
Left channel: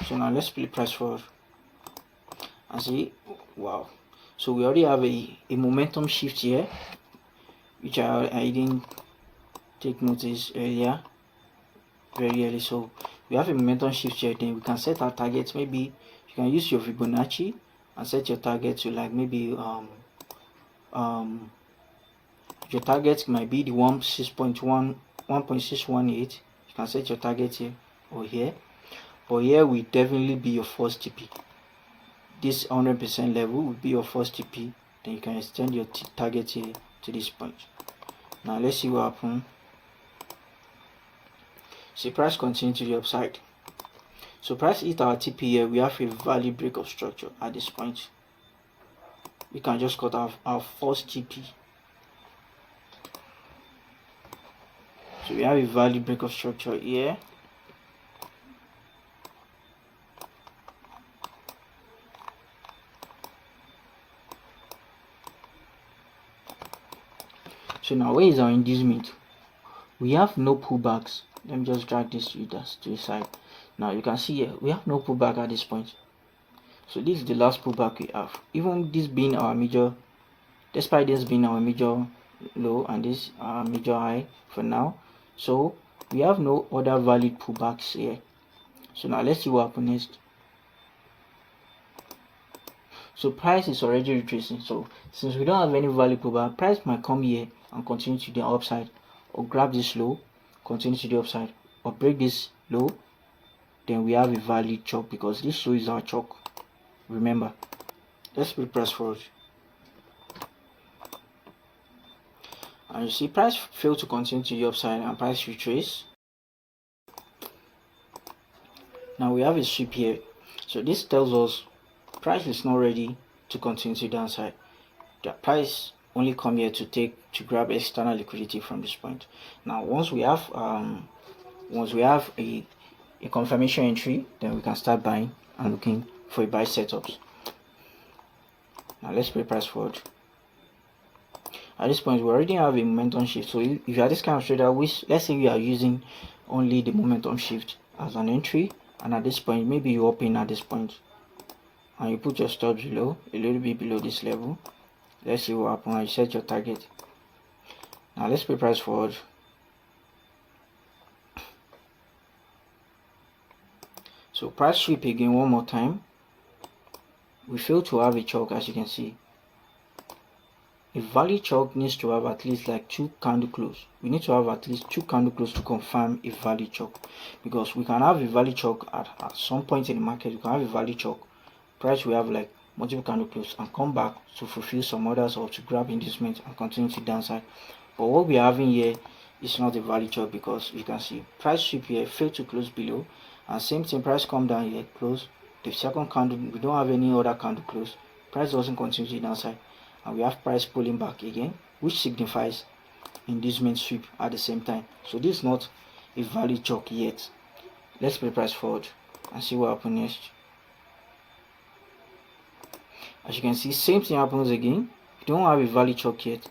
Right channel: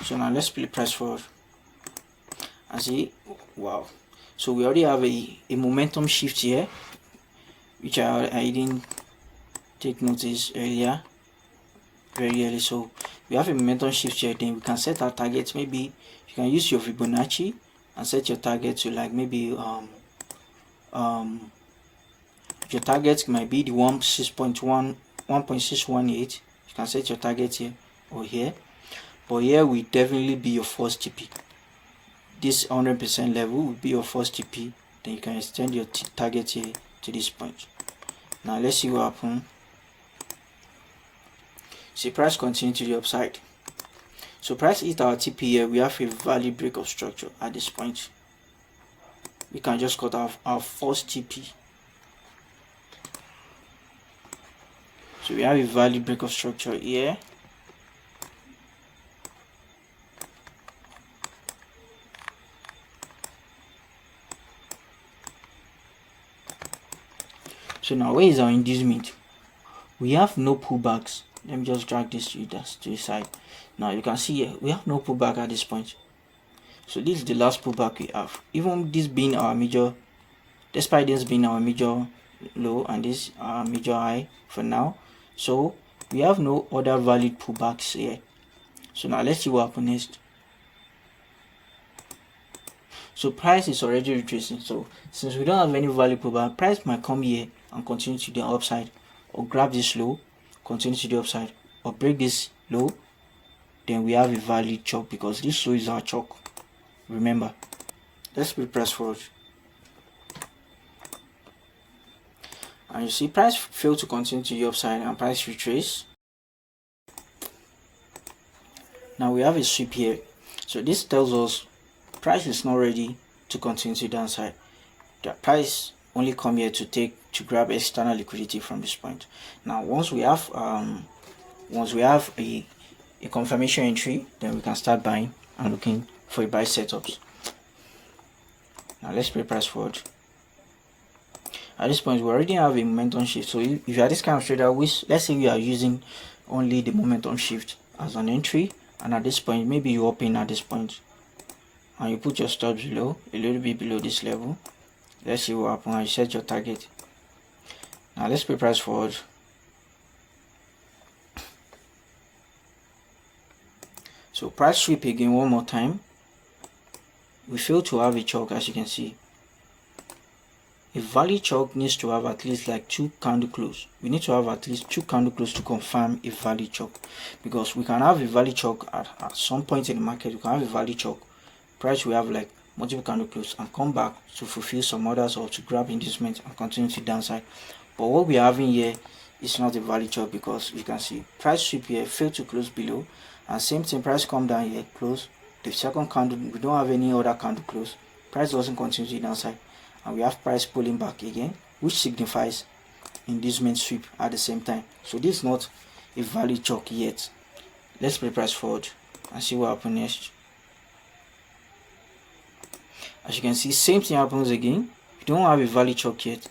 So now let's play price forward and see. Wow, so we already have a momentum shift here, which I didn't take notice earlier, very early. So we have a momentum shift here. Then we can set our targets. Maybe you can use your Fibonacci and set your target to like maybe your target might be the 1.618. You can set your target here or here, but here will definitely be your first TP. This 100% level will be your first TP. Then you can extend your target here to this point. Now let's see what happens. See, price continue to the upside. So price hit our TP here. We have a valid break of structure at this point. We can just cut off our first TP. So we have a valid break of structure here. So now where is our inducement? We have no pullbacks. Let me just drag this to the side. Now you can see here we have no pullback at this point. So this is the last pullback we have. Even this being our major, despite this being our major low and this our major high for now. So we have no other valid pullbacks here. So now let's see what happens next. So price is already retracing. So since we don't have any valid pullback, price might come here and continue to the upside, or grab this low, continue to the upside, or break this low. Then we have a valid CHOCH, because this low is our CHOCH. Remember, let's put price forward. And you see price failed to continue to the upside and price retrace. Now we have a sweep here. So this tells us price is not ready to continue to the downside. The price only come here to grab external liquidity from this point. Now once we have a confirmation entry, then we can start buying and looking for a buy setups. Now let's play price forward. At this point we already have a momentum shift. So if you are this kind of trader, let's say you are using only the momentum shift as an entry, and at this point maybe you open at this point and you put your stops below, a little bit below this level. Let's see what happens. You set your target. Now let's play price forward. So price sweep again one more time. We fail to have a CHOCH, as you can see. A valid CHOCH needs to have at least like 2 candle close. We need to have at least 2 candle close to confirm a valid CHOCH, because we can have a valid CHOCH at some point in the market. We can have a valid CHOCH. Price will have like multiple candle close and come back to fulfill some orders or to grab inducement and continue to downside. But what we are having here is not a valid CHOCH, because you can see price sweep here failed to close below, and same thing, price come down here, close the second candle. We don't have any other candle close. Price doesn't continue to downside, and we have price pulling back again, which signifies inducement sweep at the same time. So this is not a valid CHOCH yet. Let's play price forward and see what happens next. As you can see, same thing happens again. We don't have a valid CHOCH yet.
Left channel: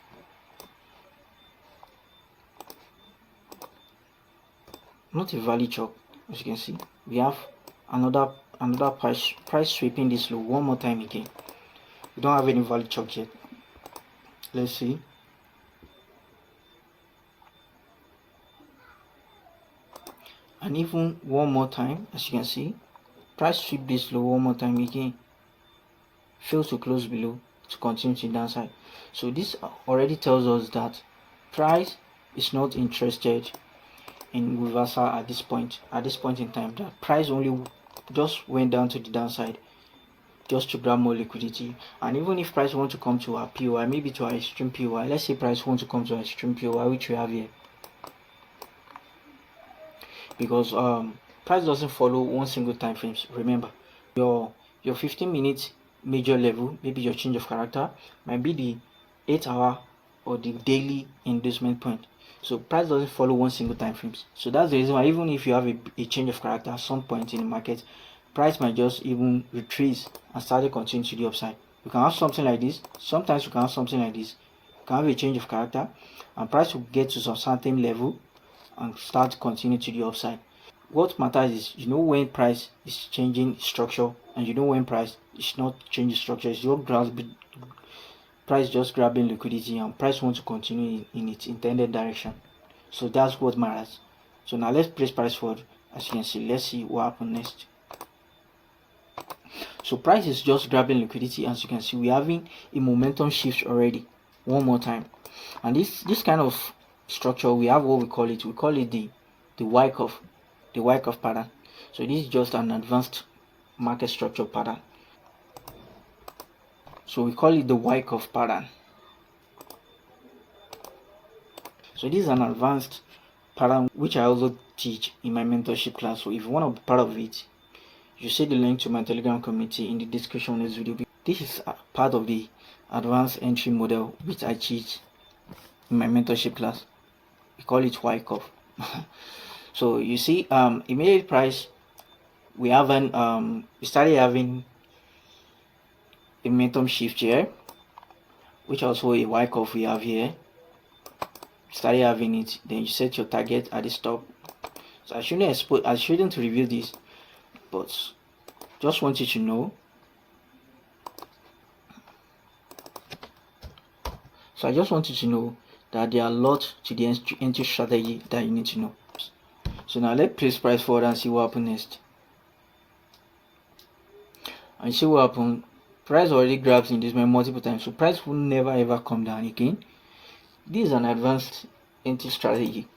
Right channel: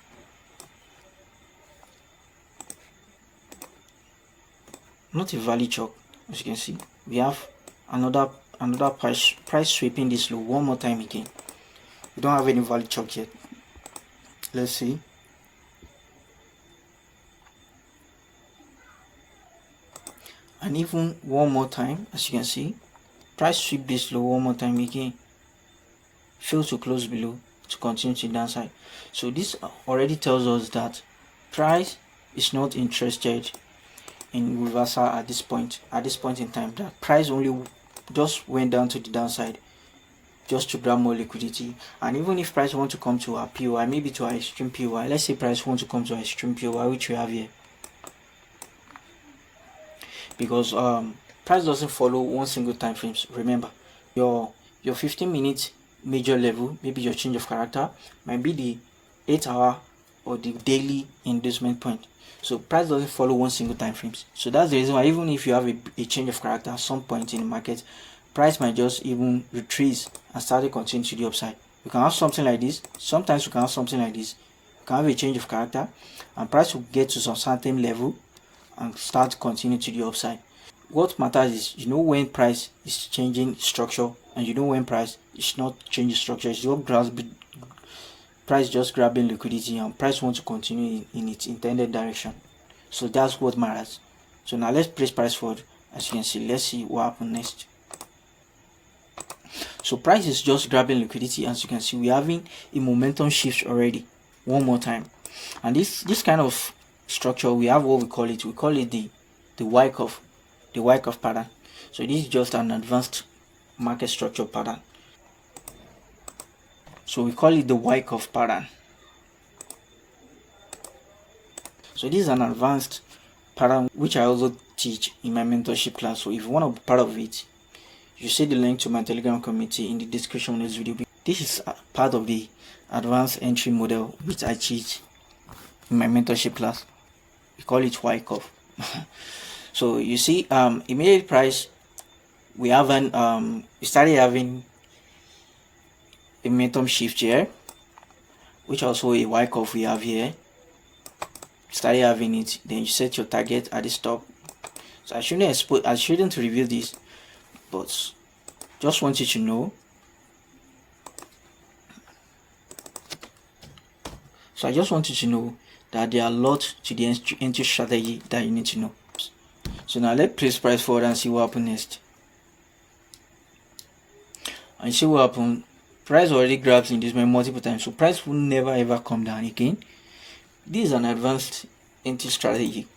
Not a valid CHOCH. As you can see, we have another another price sweeping this low one more time again. We don't have any valid CHOCH yet. Let's see. And even one more time, as you can see, price sweep this low one more time again. Fail to close below to continue to the downside. So this already tells us that price is not interested in reversal at this point in time. That price only just went down to the downside just to grab more liquidity. And even if price want to come to our POI, maybe to our extreme POI, let's say price want to come to our extreme POI, which we have here, because price doesn't follow one single time frames. Remember, your 15-minute major level, maybe your change of character, might be the 8-hour or the daily inducement point. So price doesn't follow one single time frames. So that's the reason why even if you have a change of character at some point in the market, price might just even retrace and start to continue to the upside. You can have something like this. Sometimes you can have something like this. You can have a change of character and price will get to some certain level and start to continue to the upside. What matters is you know when price is changing structure and you know when price is not changing structure. It's your price just grabbing liquidity and price wants to continue in its intended direction. So that's what matters. So now let's place price forward. As you can see, let's see what happens next. So price is just grabbing liquidity. As you can see, we're having a momentum shift already one more time. And this kind of structure, we have what we call it the Wyckoff pattern. So this is just an advanced market structure pattern. So we call it the Wyckoff pattern. So this is an advanced pattern which I also teach in my mentorship class. So if you want to be part of it, you see the link to my Telegram community in the description of this video. This is part of the advanced entry model which I teach in my mentorship class. We call it Wyckoff. So you see, immediate price, we started having a momentum shift here, which also a Wyckoff we have here. Started having it, then you set your target at the stop. So I shouldn't review this, but just want you to know. So I just want you to know that there are a lot to the entry strategy that you need to know. So now let's place price forward and see what happens next. And see what happens. Price already grabs in this multiple times, so price will never ever come down again. This is an advanced entry strategy.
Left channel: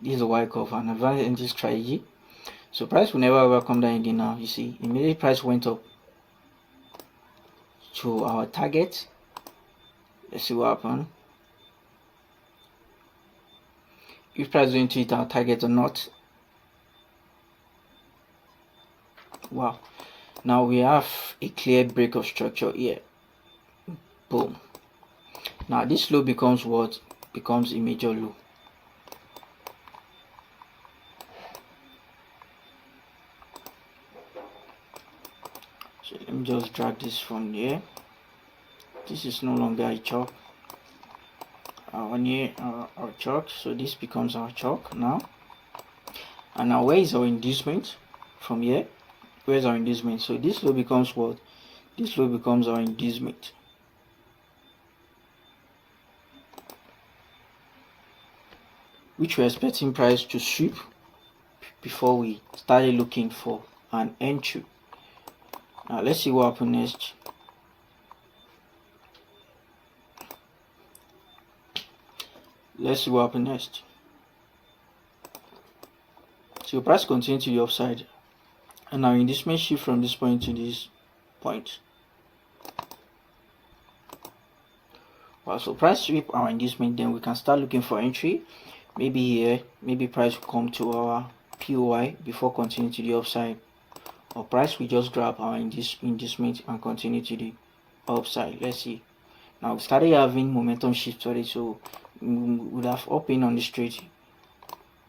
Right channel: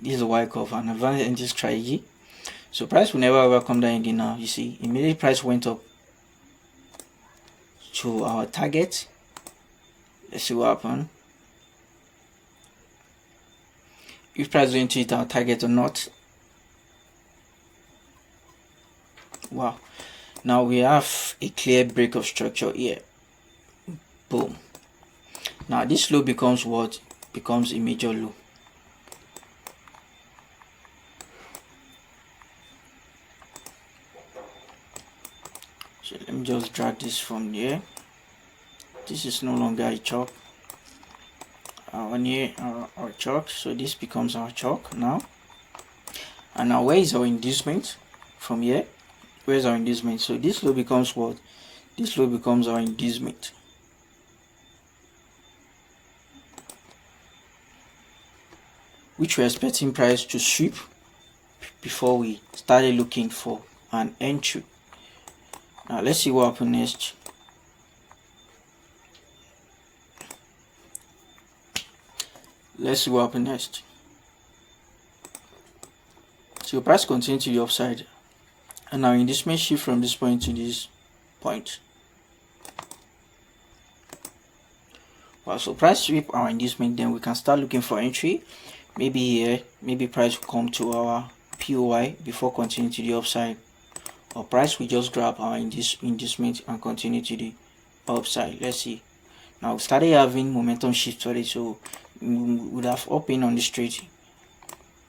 This is a Wyckoff, an advanced entry strategy. So price will never ever come down again. Now you see, immediately price went up to our target. Let's see what happens. If price going to hit our target or not. Wow. Now we have a clear break of structure here. Boom. Now this low becomes what? Becomes a major low. So let me just drag this from here. This is no longer a CHOCH. Our CHOCH. So this becomes our CHOCH now. And now where is our inducement? From here, where's our inducement? So this low becomes what? This low becomes our inducement. Which we're expecting price to sweep before we started looking for an entry. Now let's see what happens next. Let's see what happens next. So price continues to the upside, and now inducement shift from this point to this point. Wow, so price sweep our inducement, then we can start looking for entry. Maybe here, maybe price will come to our POI before continuing to the upside, or price will just grab our inducement and continue to the upside. Let's see. Now we started having momentum shift already, so we would have opened on the straight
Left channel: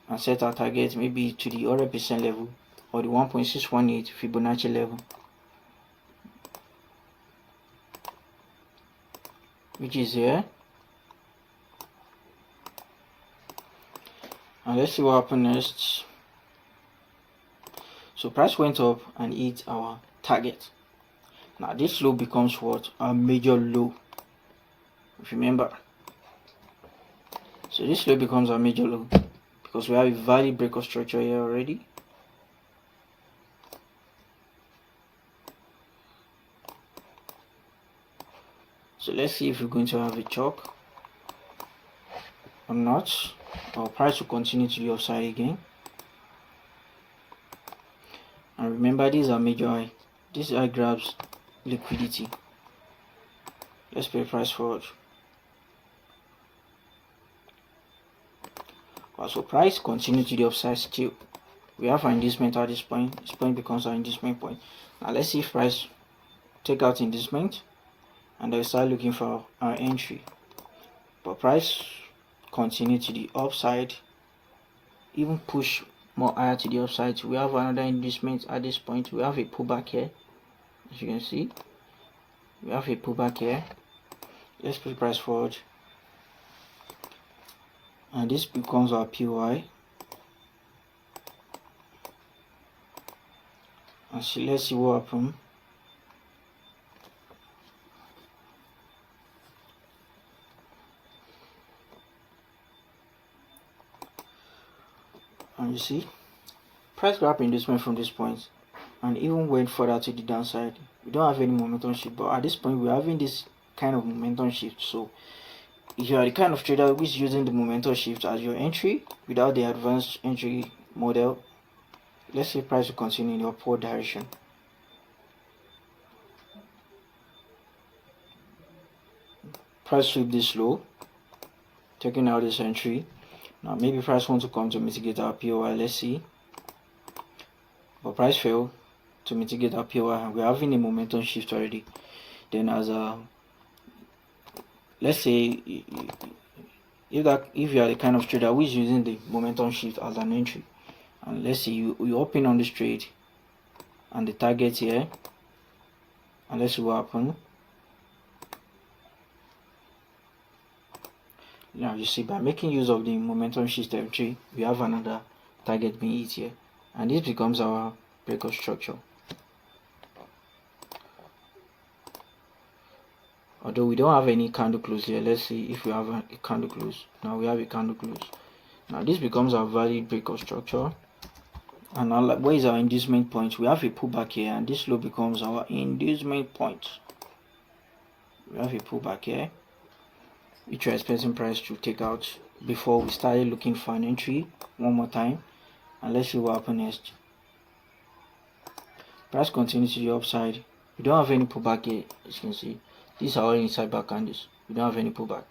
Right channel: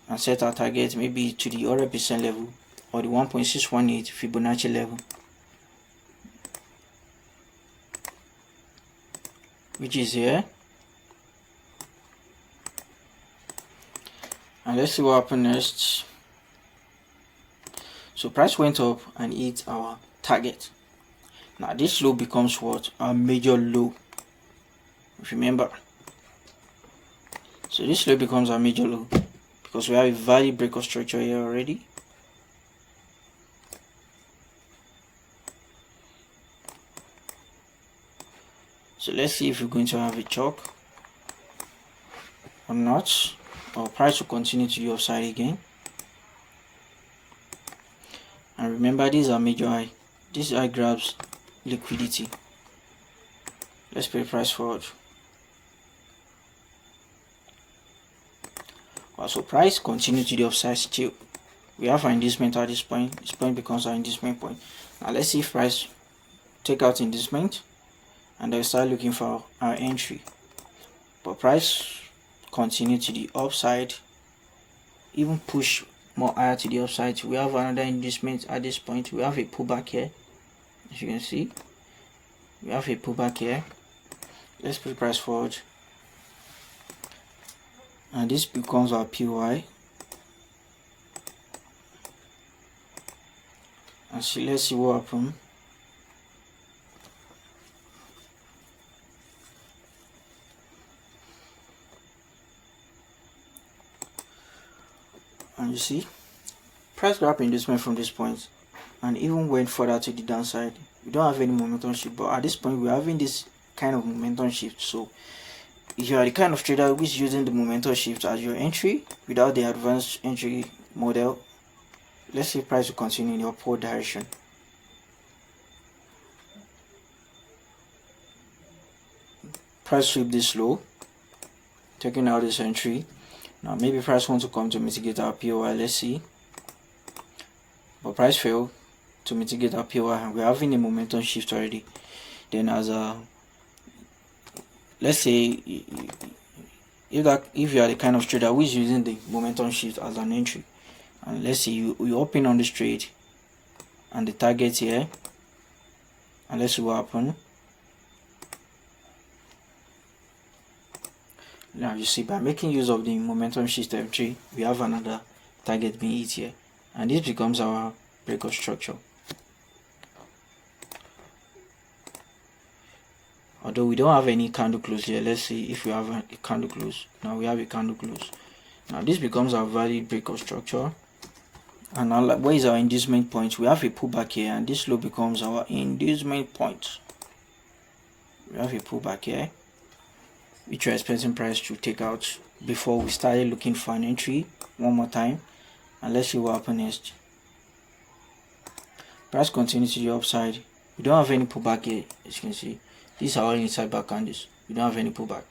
and set our target maybe to the 100% level or the 1.618 Fibonacci level, which is here. And let's see what happens next. So price went up and hit our target. Now this low becomes what? Our major low. Remember. So this low becomes our major low because we have a value breakout structure here already. So let's see if we're going to have a CHOCH or not. Our price will continue to the upside again. And remember, these are major high. This high grabs liquidity. Let's play price forward. So price continue to the upside still. We have our inducement at this point. This point becomes our inducement point. Now let's see if price take out inducement and they'll start looking for our entry. But price continue to the upside, even push more higher to the upside. We have another inducement at this point. We have a pullback here. As you can see, we have a pullback here. Let's put price forward. And this becomes our PY. And see, let's see what happens. And you see, price grab inducement from this point and even went further to the downside. We don't have any momentum shift, but at this point we're having this kind of momentum shift. So if you are the kind of trader who is using the momentum shift as your entry without the advanced entry model, let's say price will continue in the upward direction. Price sweep this low, taking out this entry. Now maybe price wants to come to mitigate our POI. Let's see. But price failed to mitigate our POI and we're having a momentum shift already. Then as a, let's say if you are the kind of trader who is using the momentum shift as an entry, and let's say you open on this trade and the target here, and let's see what happens. Now you see, by making use of the momentum shift M3, we have another target being hit here, and this becomes our breakout structure. Although we don't have any candle close here, let's see if we have a candle close. Now we have a candle close. Now this becomes our valid breakout structure. And now, where is our inducement point? We have a pullback here, and this low becomes our inducement point. We have a pullback here, which we're expecting price to take out before we started looking for an entry one more time. And let's see what happens next. Price continues to the upside. We don't have any pullback here, as you can see. These are all inside back candles. We don't have any pullback.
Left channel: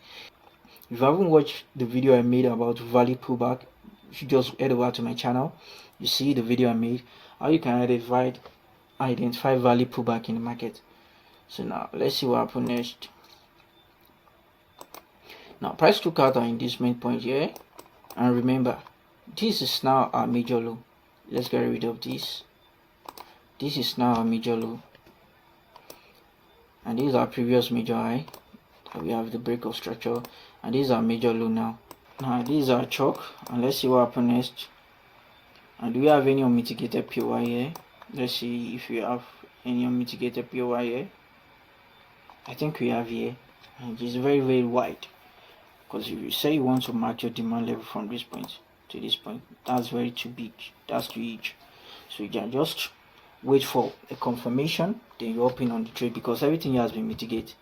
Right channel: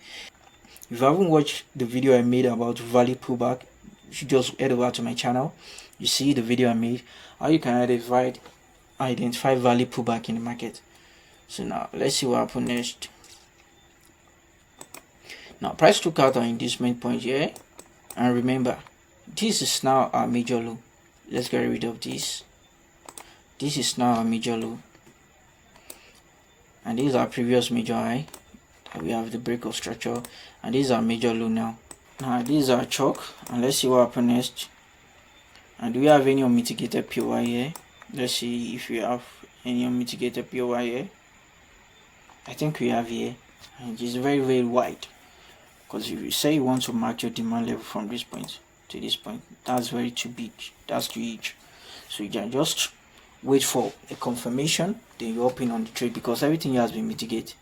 If you haven't watched the video I made about valid pullback, you should just head over to my channel. You see the video I made how you can identify valid pullback in the market. So now let's see what happens next. Now price took out our inducement point here, and remember, this is now our major low. Let's get rid of this. This is now our major low, and this is our previous major high. We have the breakout structure, and this is our major low now. Now this is our CHOCH, and let's see what happens next. And do we have any unmitigated POI here? Let's see if we have any unmitigated POI here. I think we have here, and it's very, very wide. Because if you say you want to mark your demand level from this point to this point, that's very too big. That's too huge. So you can just wait for a confirmation, then you open on the trade because everything has been mitigated.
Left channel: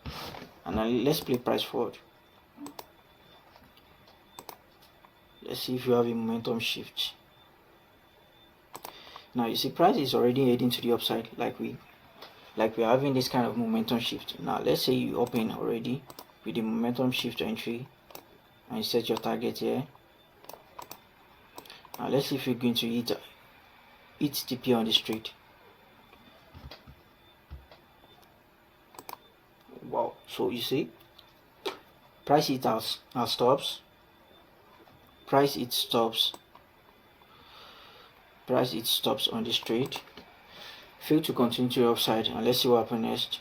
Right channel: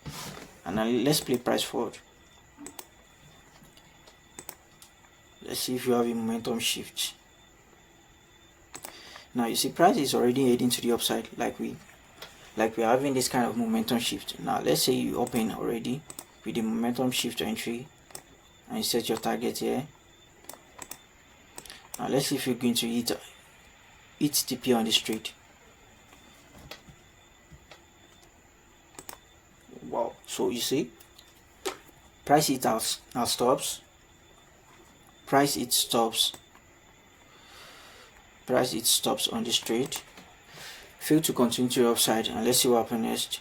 And now let's play price forward. Let's see if you have a momentum shift. Now you see price is already heading to the upside, like we're having this kind of momentum shift. Now let's say you open already with the momentum shift entry and you set your target here. Now let's see if you're going to hit TP on this trade. Wow, so you see price hit our stops, price hit stops, price it stops on this trade, fail to continue to the upside, and let's see what happens next.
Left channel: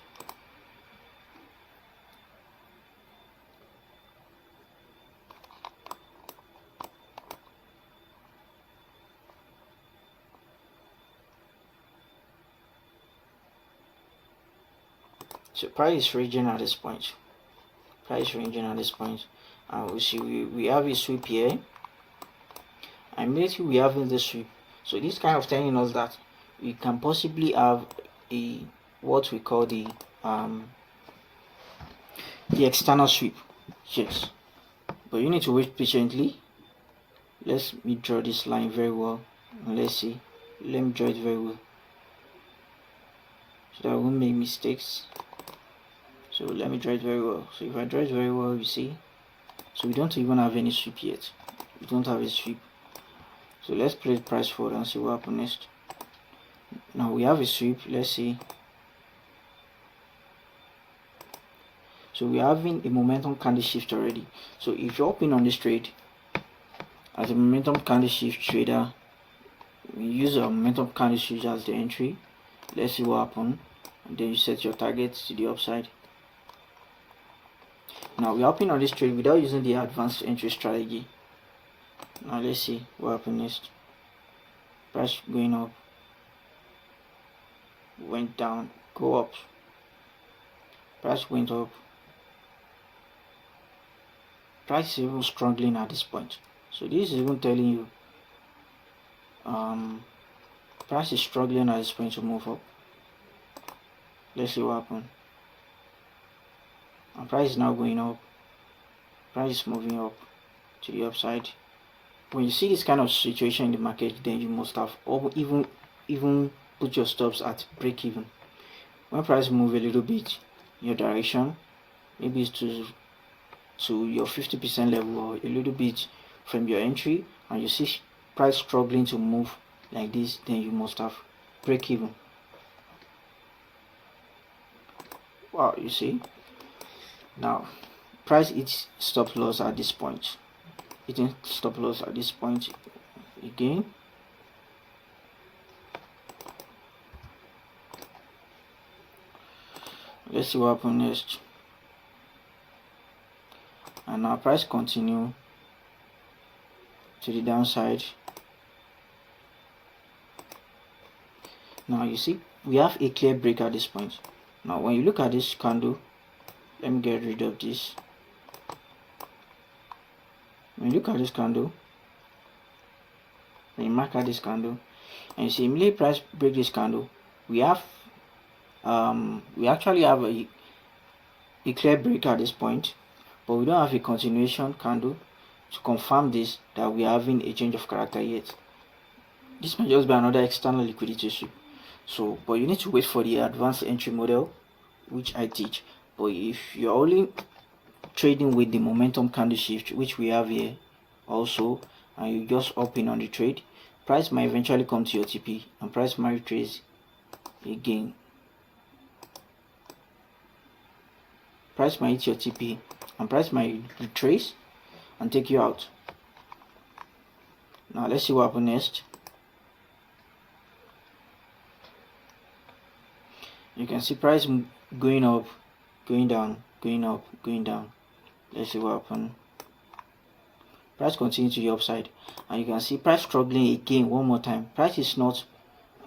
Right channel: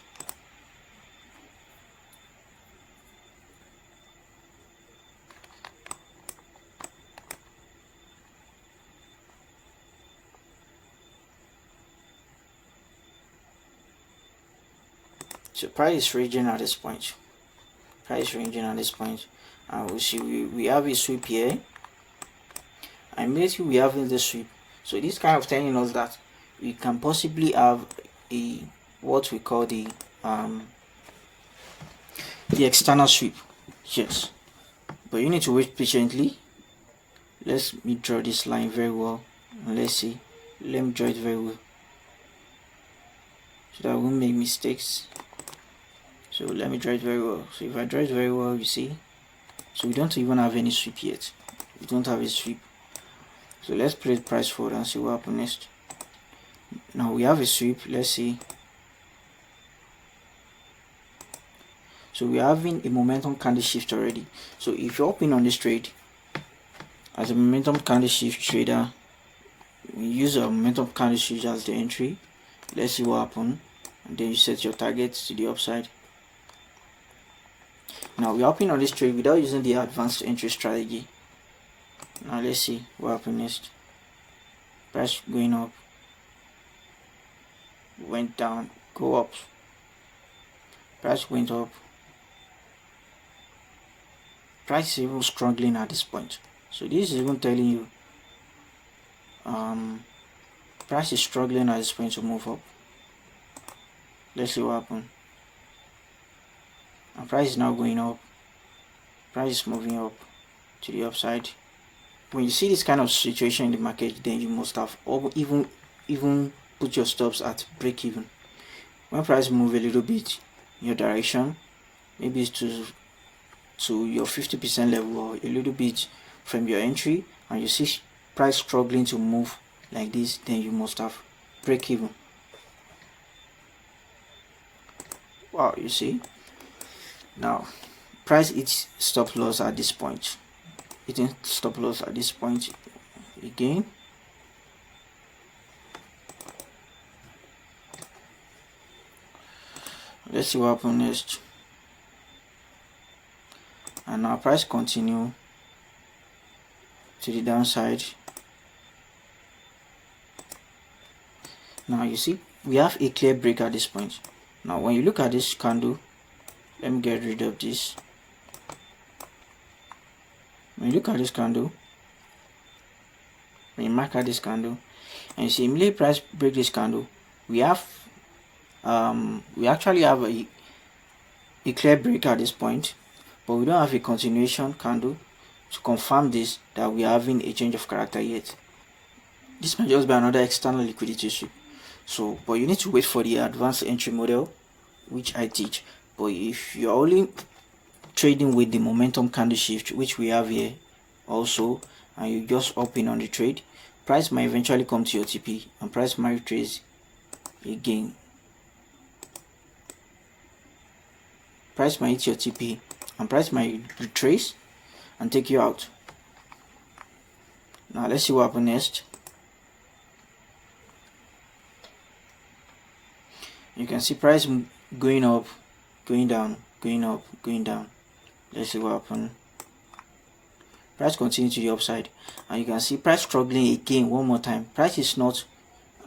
So price is ranging at this point. Price ranging at this point. And we see we have a sweep here. And immediately we have the sweep. So this kind of telling us that we can possibly have a what we call the external sweep. Yes. But you need to wait patiently. Let me draw this line very well. And let's see. Let me draw it very well, so that I won't make mistakes. So let me draw it very well. So if I draw it very well, you see. So we don't even have any sweep yet. We don't have a sweep. So let's play price forward and see what happens next. Now we have a sweep. Let's see. So we're having a momentum candle shift already. So if you're open on this trade as a momentum candle shift trader, you use a momentum candle shift as the entry. Let's see what happens. And then you set your targets to the upside. Now we're open on this trade without using the advanced entry strategy. Now let's see what happens next. Price going up, went down, go up. Price went up. Price is even struggling at this point. So this is even telling you price is struggling at this point to move up. Let's see what happens. And price is now going up. Price is moving up to the upside. When you see this kind of situation in the market, then you must have even put your stops at break even. When price move a little bit in your direction, maybe it's to your 50% level or a little bit from your entry, and you see price struggling to move like this, then you must have break even. Wow, you see. Now price hits stop loss at this point. Hitting stop loss at this point again. Let's see what happens next. And now price continue to the downside. Now you see we have a clear break at this point. Now when you look at this candle, let me get rid of this. When you look at this candle, when you mark at this candle, and you see immediately price break this candle, we actually have a clear break at this point, but we don't have a continuation candle to confirm this that we are having a change of character yet. This might just be another external liquidity sweep. So, but you need to wait for the advanced entry model, which I teach. But if you're only trading with the momentum candle shift, which we have here also, and you just open on the trade, price might eventually come to your TP and price might retrace again. Price might hit your TP and price might retrace and take you out. Now let's see what happens next. You can see price going up, going down, going up, going down. Let's see what happens. Price continues to the upside, and you can see price struggling again one more time. Price is not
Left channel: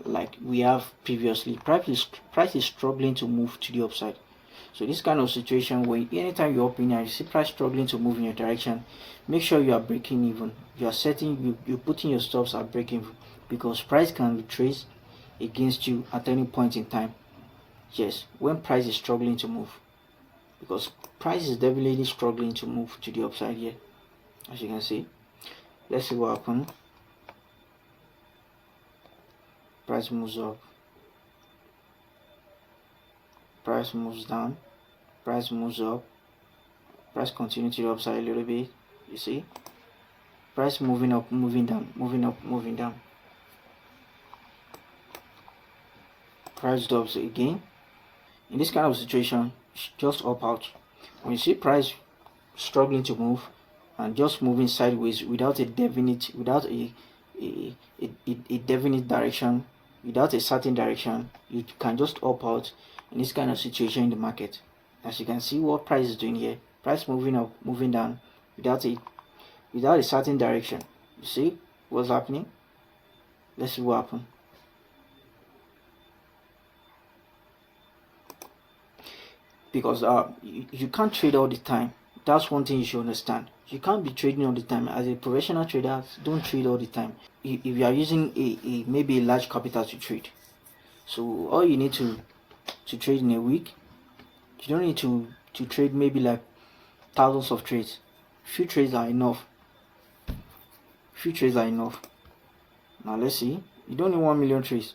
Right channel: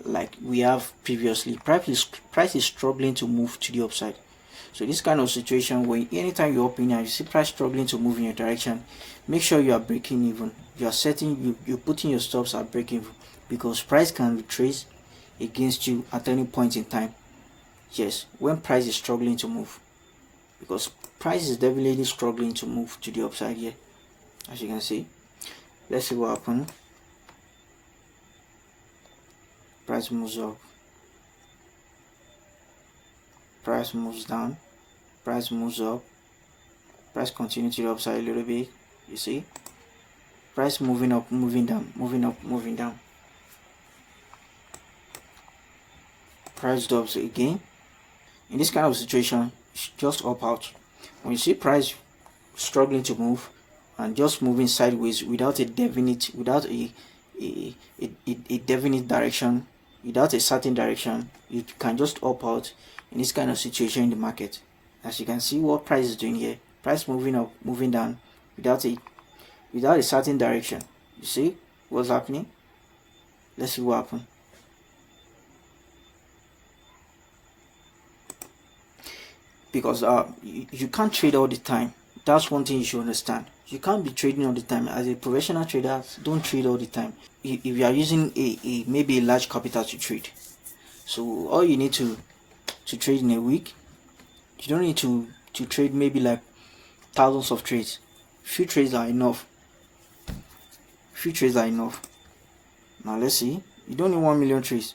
like we have previously. Price is struggling to move to the upside. So this kind of situation, when anytime you open and you see price struggling to move in your direction, make sure you are breaking even. You are setting, you're putting your stops at breaking even, because price can retrace against you at any point in time. Yes, when price is struggling to move, because price is definitely struggling to move to the upside here, as you can see. Let's see what happens. Price moves up, price moves down, price moves up, price continues to the upside a little bit. You see, price moving up, moving down, moving up, moving down. Price drops again. In this kind of situation, just opt out. When you see price struggling to move and just moving sideways without a definite, definite direction, without a certain direction, you can just opt out in this kind of situation in the market. As you can see what price is doing here, price moving up, moving down without a certain direction. You see what's happening? Let's see what happens. because you can't trade all the time. That's one thing you should understand. You can't be trading all the time. As a professional trader, don't trade all the time. If you are using maybe a large capital to trade, so all you need to trade in a week, you don't need to trade maybe like thousands of trades. Few trades are enough. Now let's see. You don't need 1 million trades.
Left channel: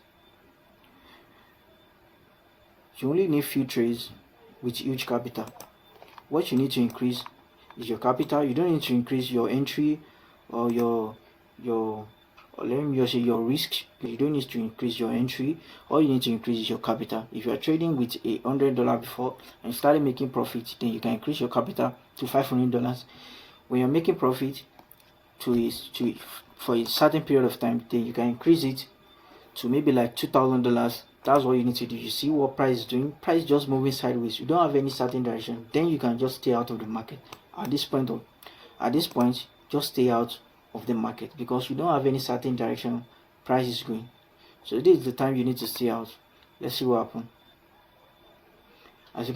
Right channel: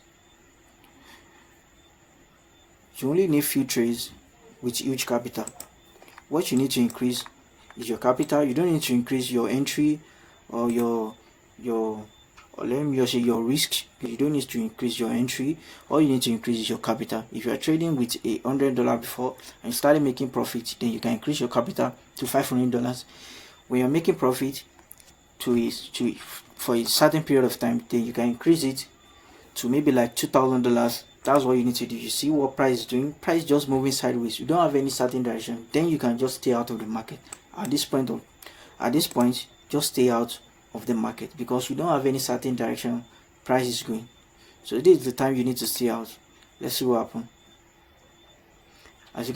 You only need few trades with huge capital. What you need to increase is your capital. You don't need to increase your entry or your let me just say your risk. You don't need to increase your entry. All you need to increase is your capital. If you are trading with $100 before and started making profit, then you can increase your capital to $500. When you're making profit for a certain period of time, then you can increase it to maybe like $2,000. That's what you need to do. You see what price is doing. Price just moving sideways. You don't have any certain direction. Then you can just stay out of the market. At this point, just stay out of the market because you don't have any certain direction price is going. So this is the time you need to stay out. Let's see what happens. As you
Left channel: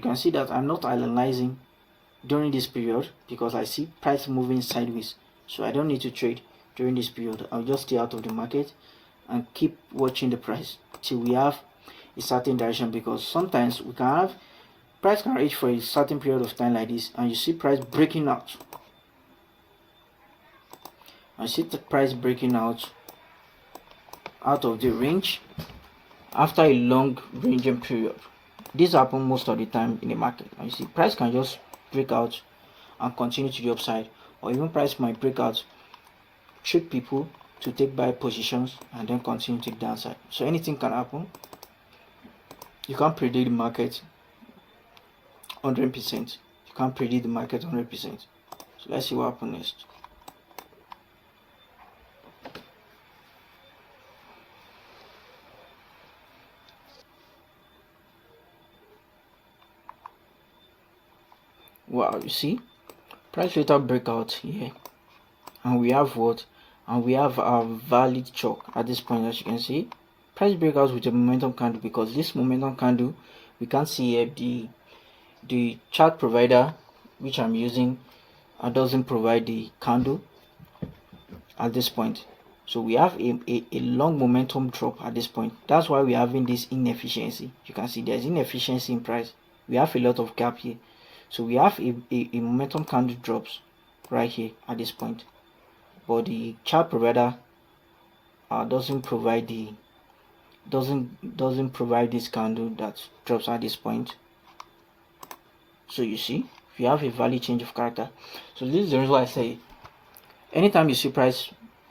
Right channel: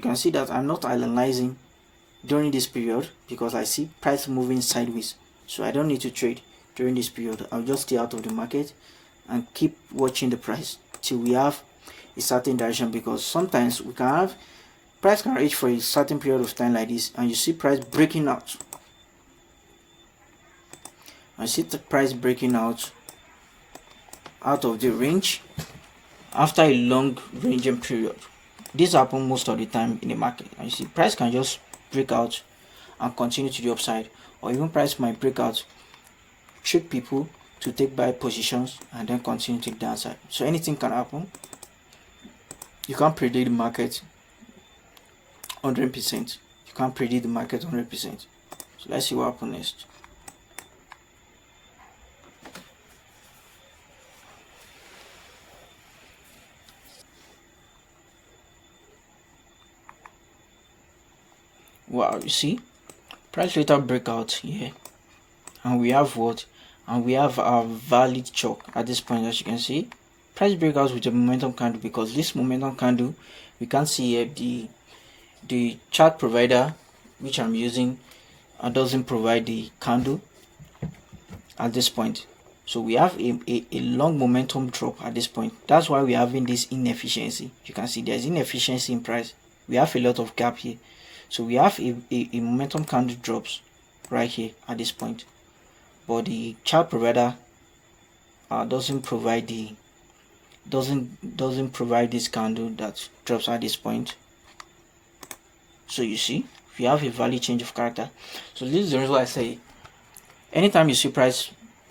can see that I'm not analyzing during this period because I see price moving sideways. So I don't need to trade during this period. I'll just stay out of the market and keep watching the price till we have a certain direction, because sometimes we can have price can reach for a certain period of time like this and you see price breaking out. I see the price breaking out of the range after a long ranging period. This happens most of the time in the market, and you see price can just break out and continue to the upside, or even price might break out, trick people to take buy positions and then continue to the downside. So anything can happen. You can't predict the market 100%. You can't predict the market 100%. So let's see what happens next. Wow, you see price later breakout here, and we have what? And we have our valid CHOCH at this point. As you can see, price breakouts with a momentum candle, because this momentum candle, we can see here the chart provider which I'm using doesn't provide the candle at this point. So we have a long momentum drop at this point. That's why we're having this inefficiency. You can see there's inefficiency in price. We have a lot of gap here. So we have a momentum candle drops right here at this point, but the chart provider doesn't provide this candle that drops at this point. So you see, we have a value change of character. So this is the reason why I say anytime you see price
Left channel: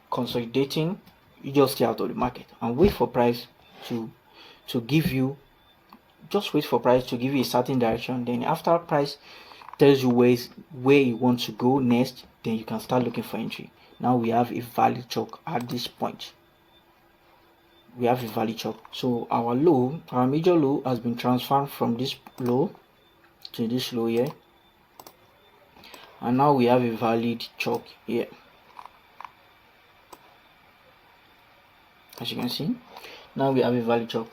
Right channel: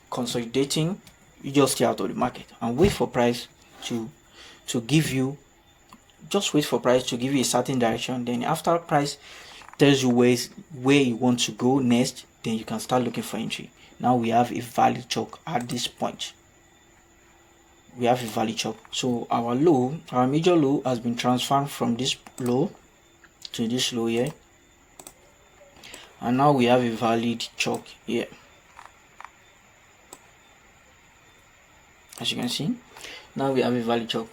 consolidating, you just stay out of the market and wait for price to give you. Just wait for price to give you a certain direction. Then after price tells you where you want to go next, then you can start looking for entry. Now we have a valid CHOCH at this point. We have a valid CHOCH. So our major low has been transferred from this low to this low here, and now we have a valid CHOCH here. As you can see, now we have a valid CHOCH.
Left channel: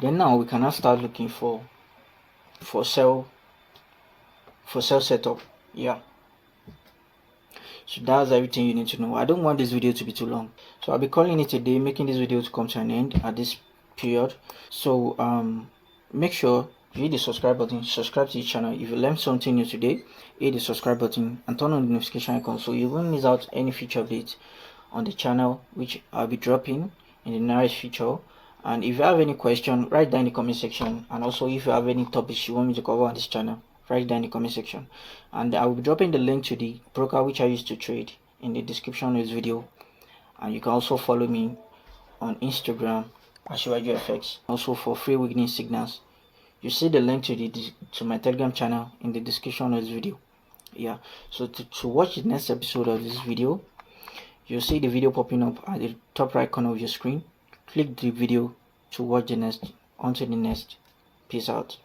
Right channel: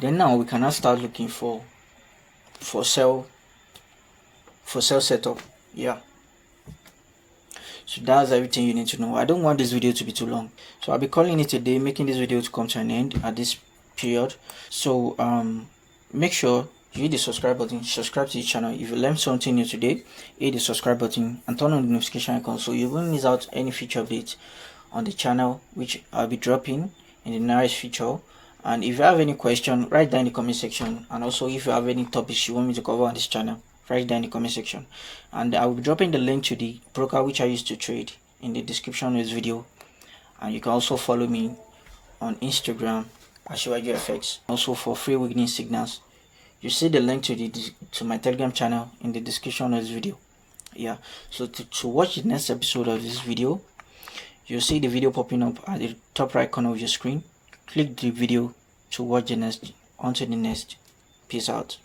Then now we can now start looking for sell setup. Yeah. So that's everything you need to know. I don't want this video to be too long, so I'll be calling it a day, making this video to come to an end at this period. So make sure you hit the subscribe button, subscribe to the channel. If you learned something new today, hit the subscribe button and turn on the notification icon so you won't miss out any future updates on the channel, which I'll be dropping in the nearest future. And if you have any question, write down in the comment section. And also if you have any topics you want me to cover on this channel, write down in the comment section. And I will be dropping the link to the broker which I used to trade in the description of this video. And you can also follow me on Instagram at CHOCH. Also for free weekly signals, you see the link to my Telegram channel in the description of this video. Yeah. So to watch the next episode of this video, you'll see the video popping up at the top right corner of your screen. Click the video to watch the next. On to the next. Peace out.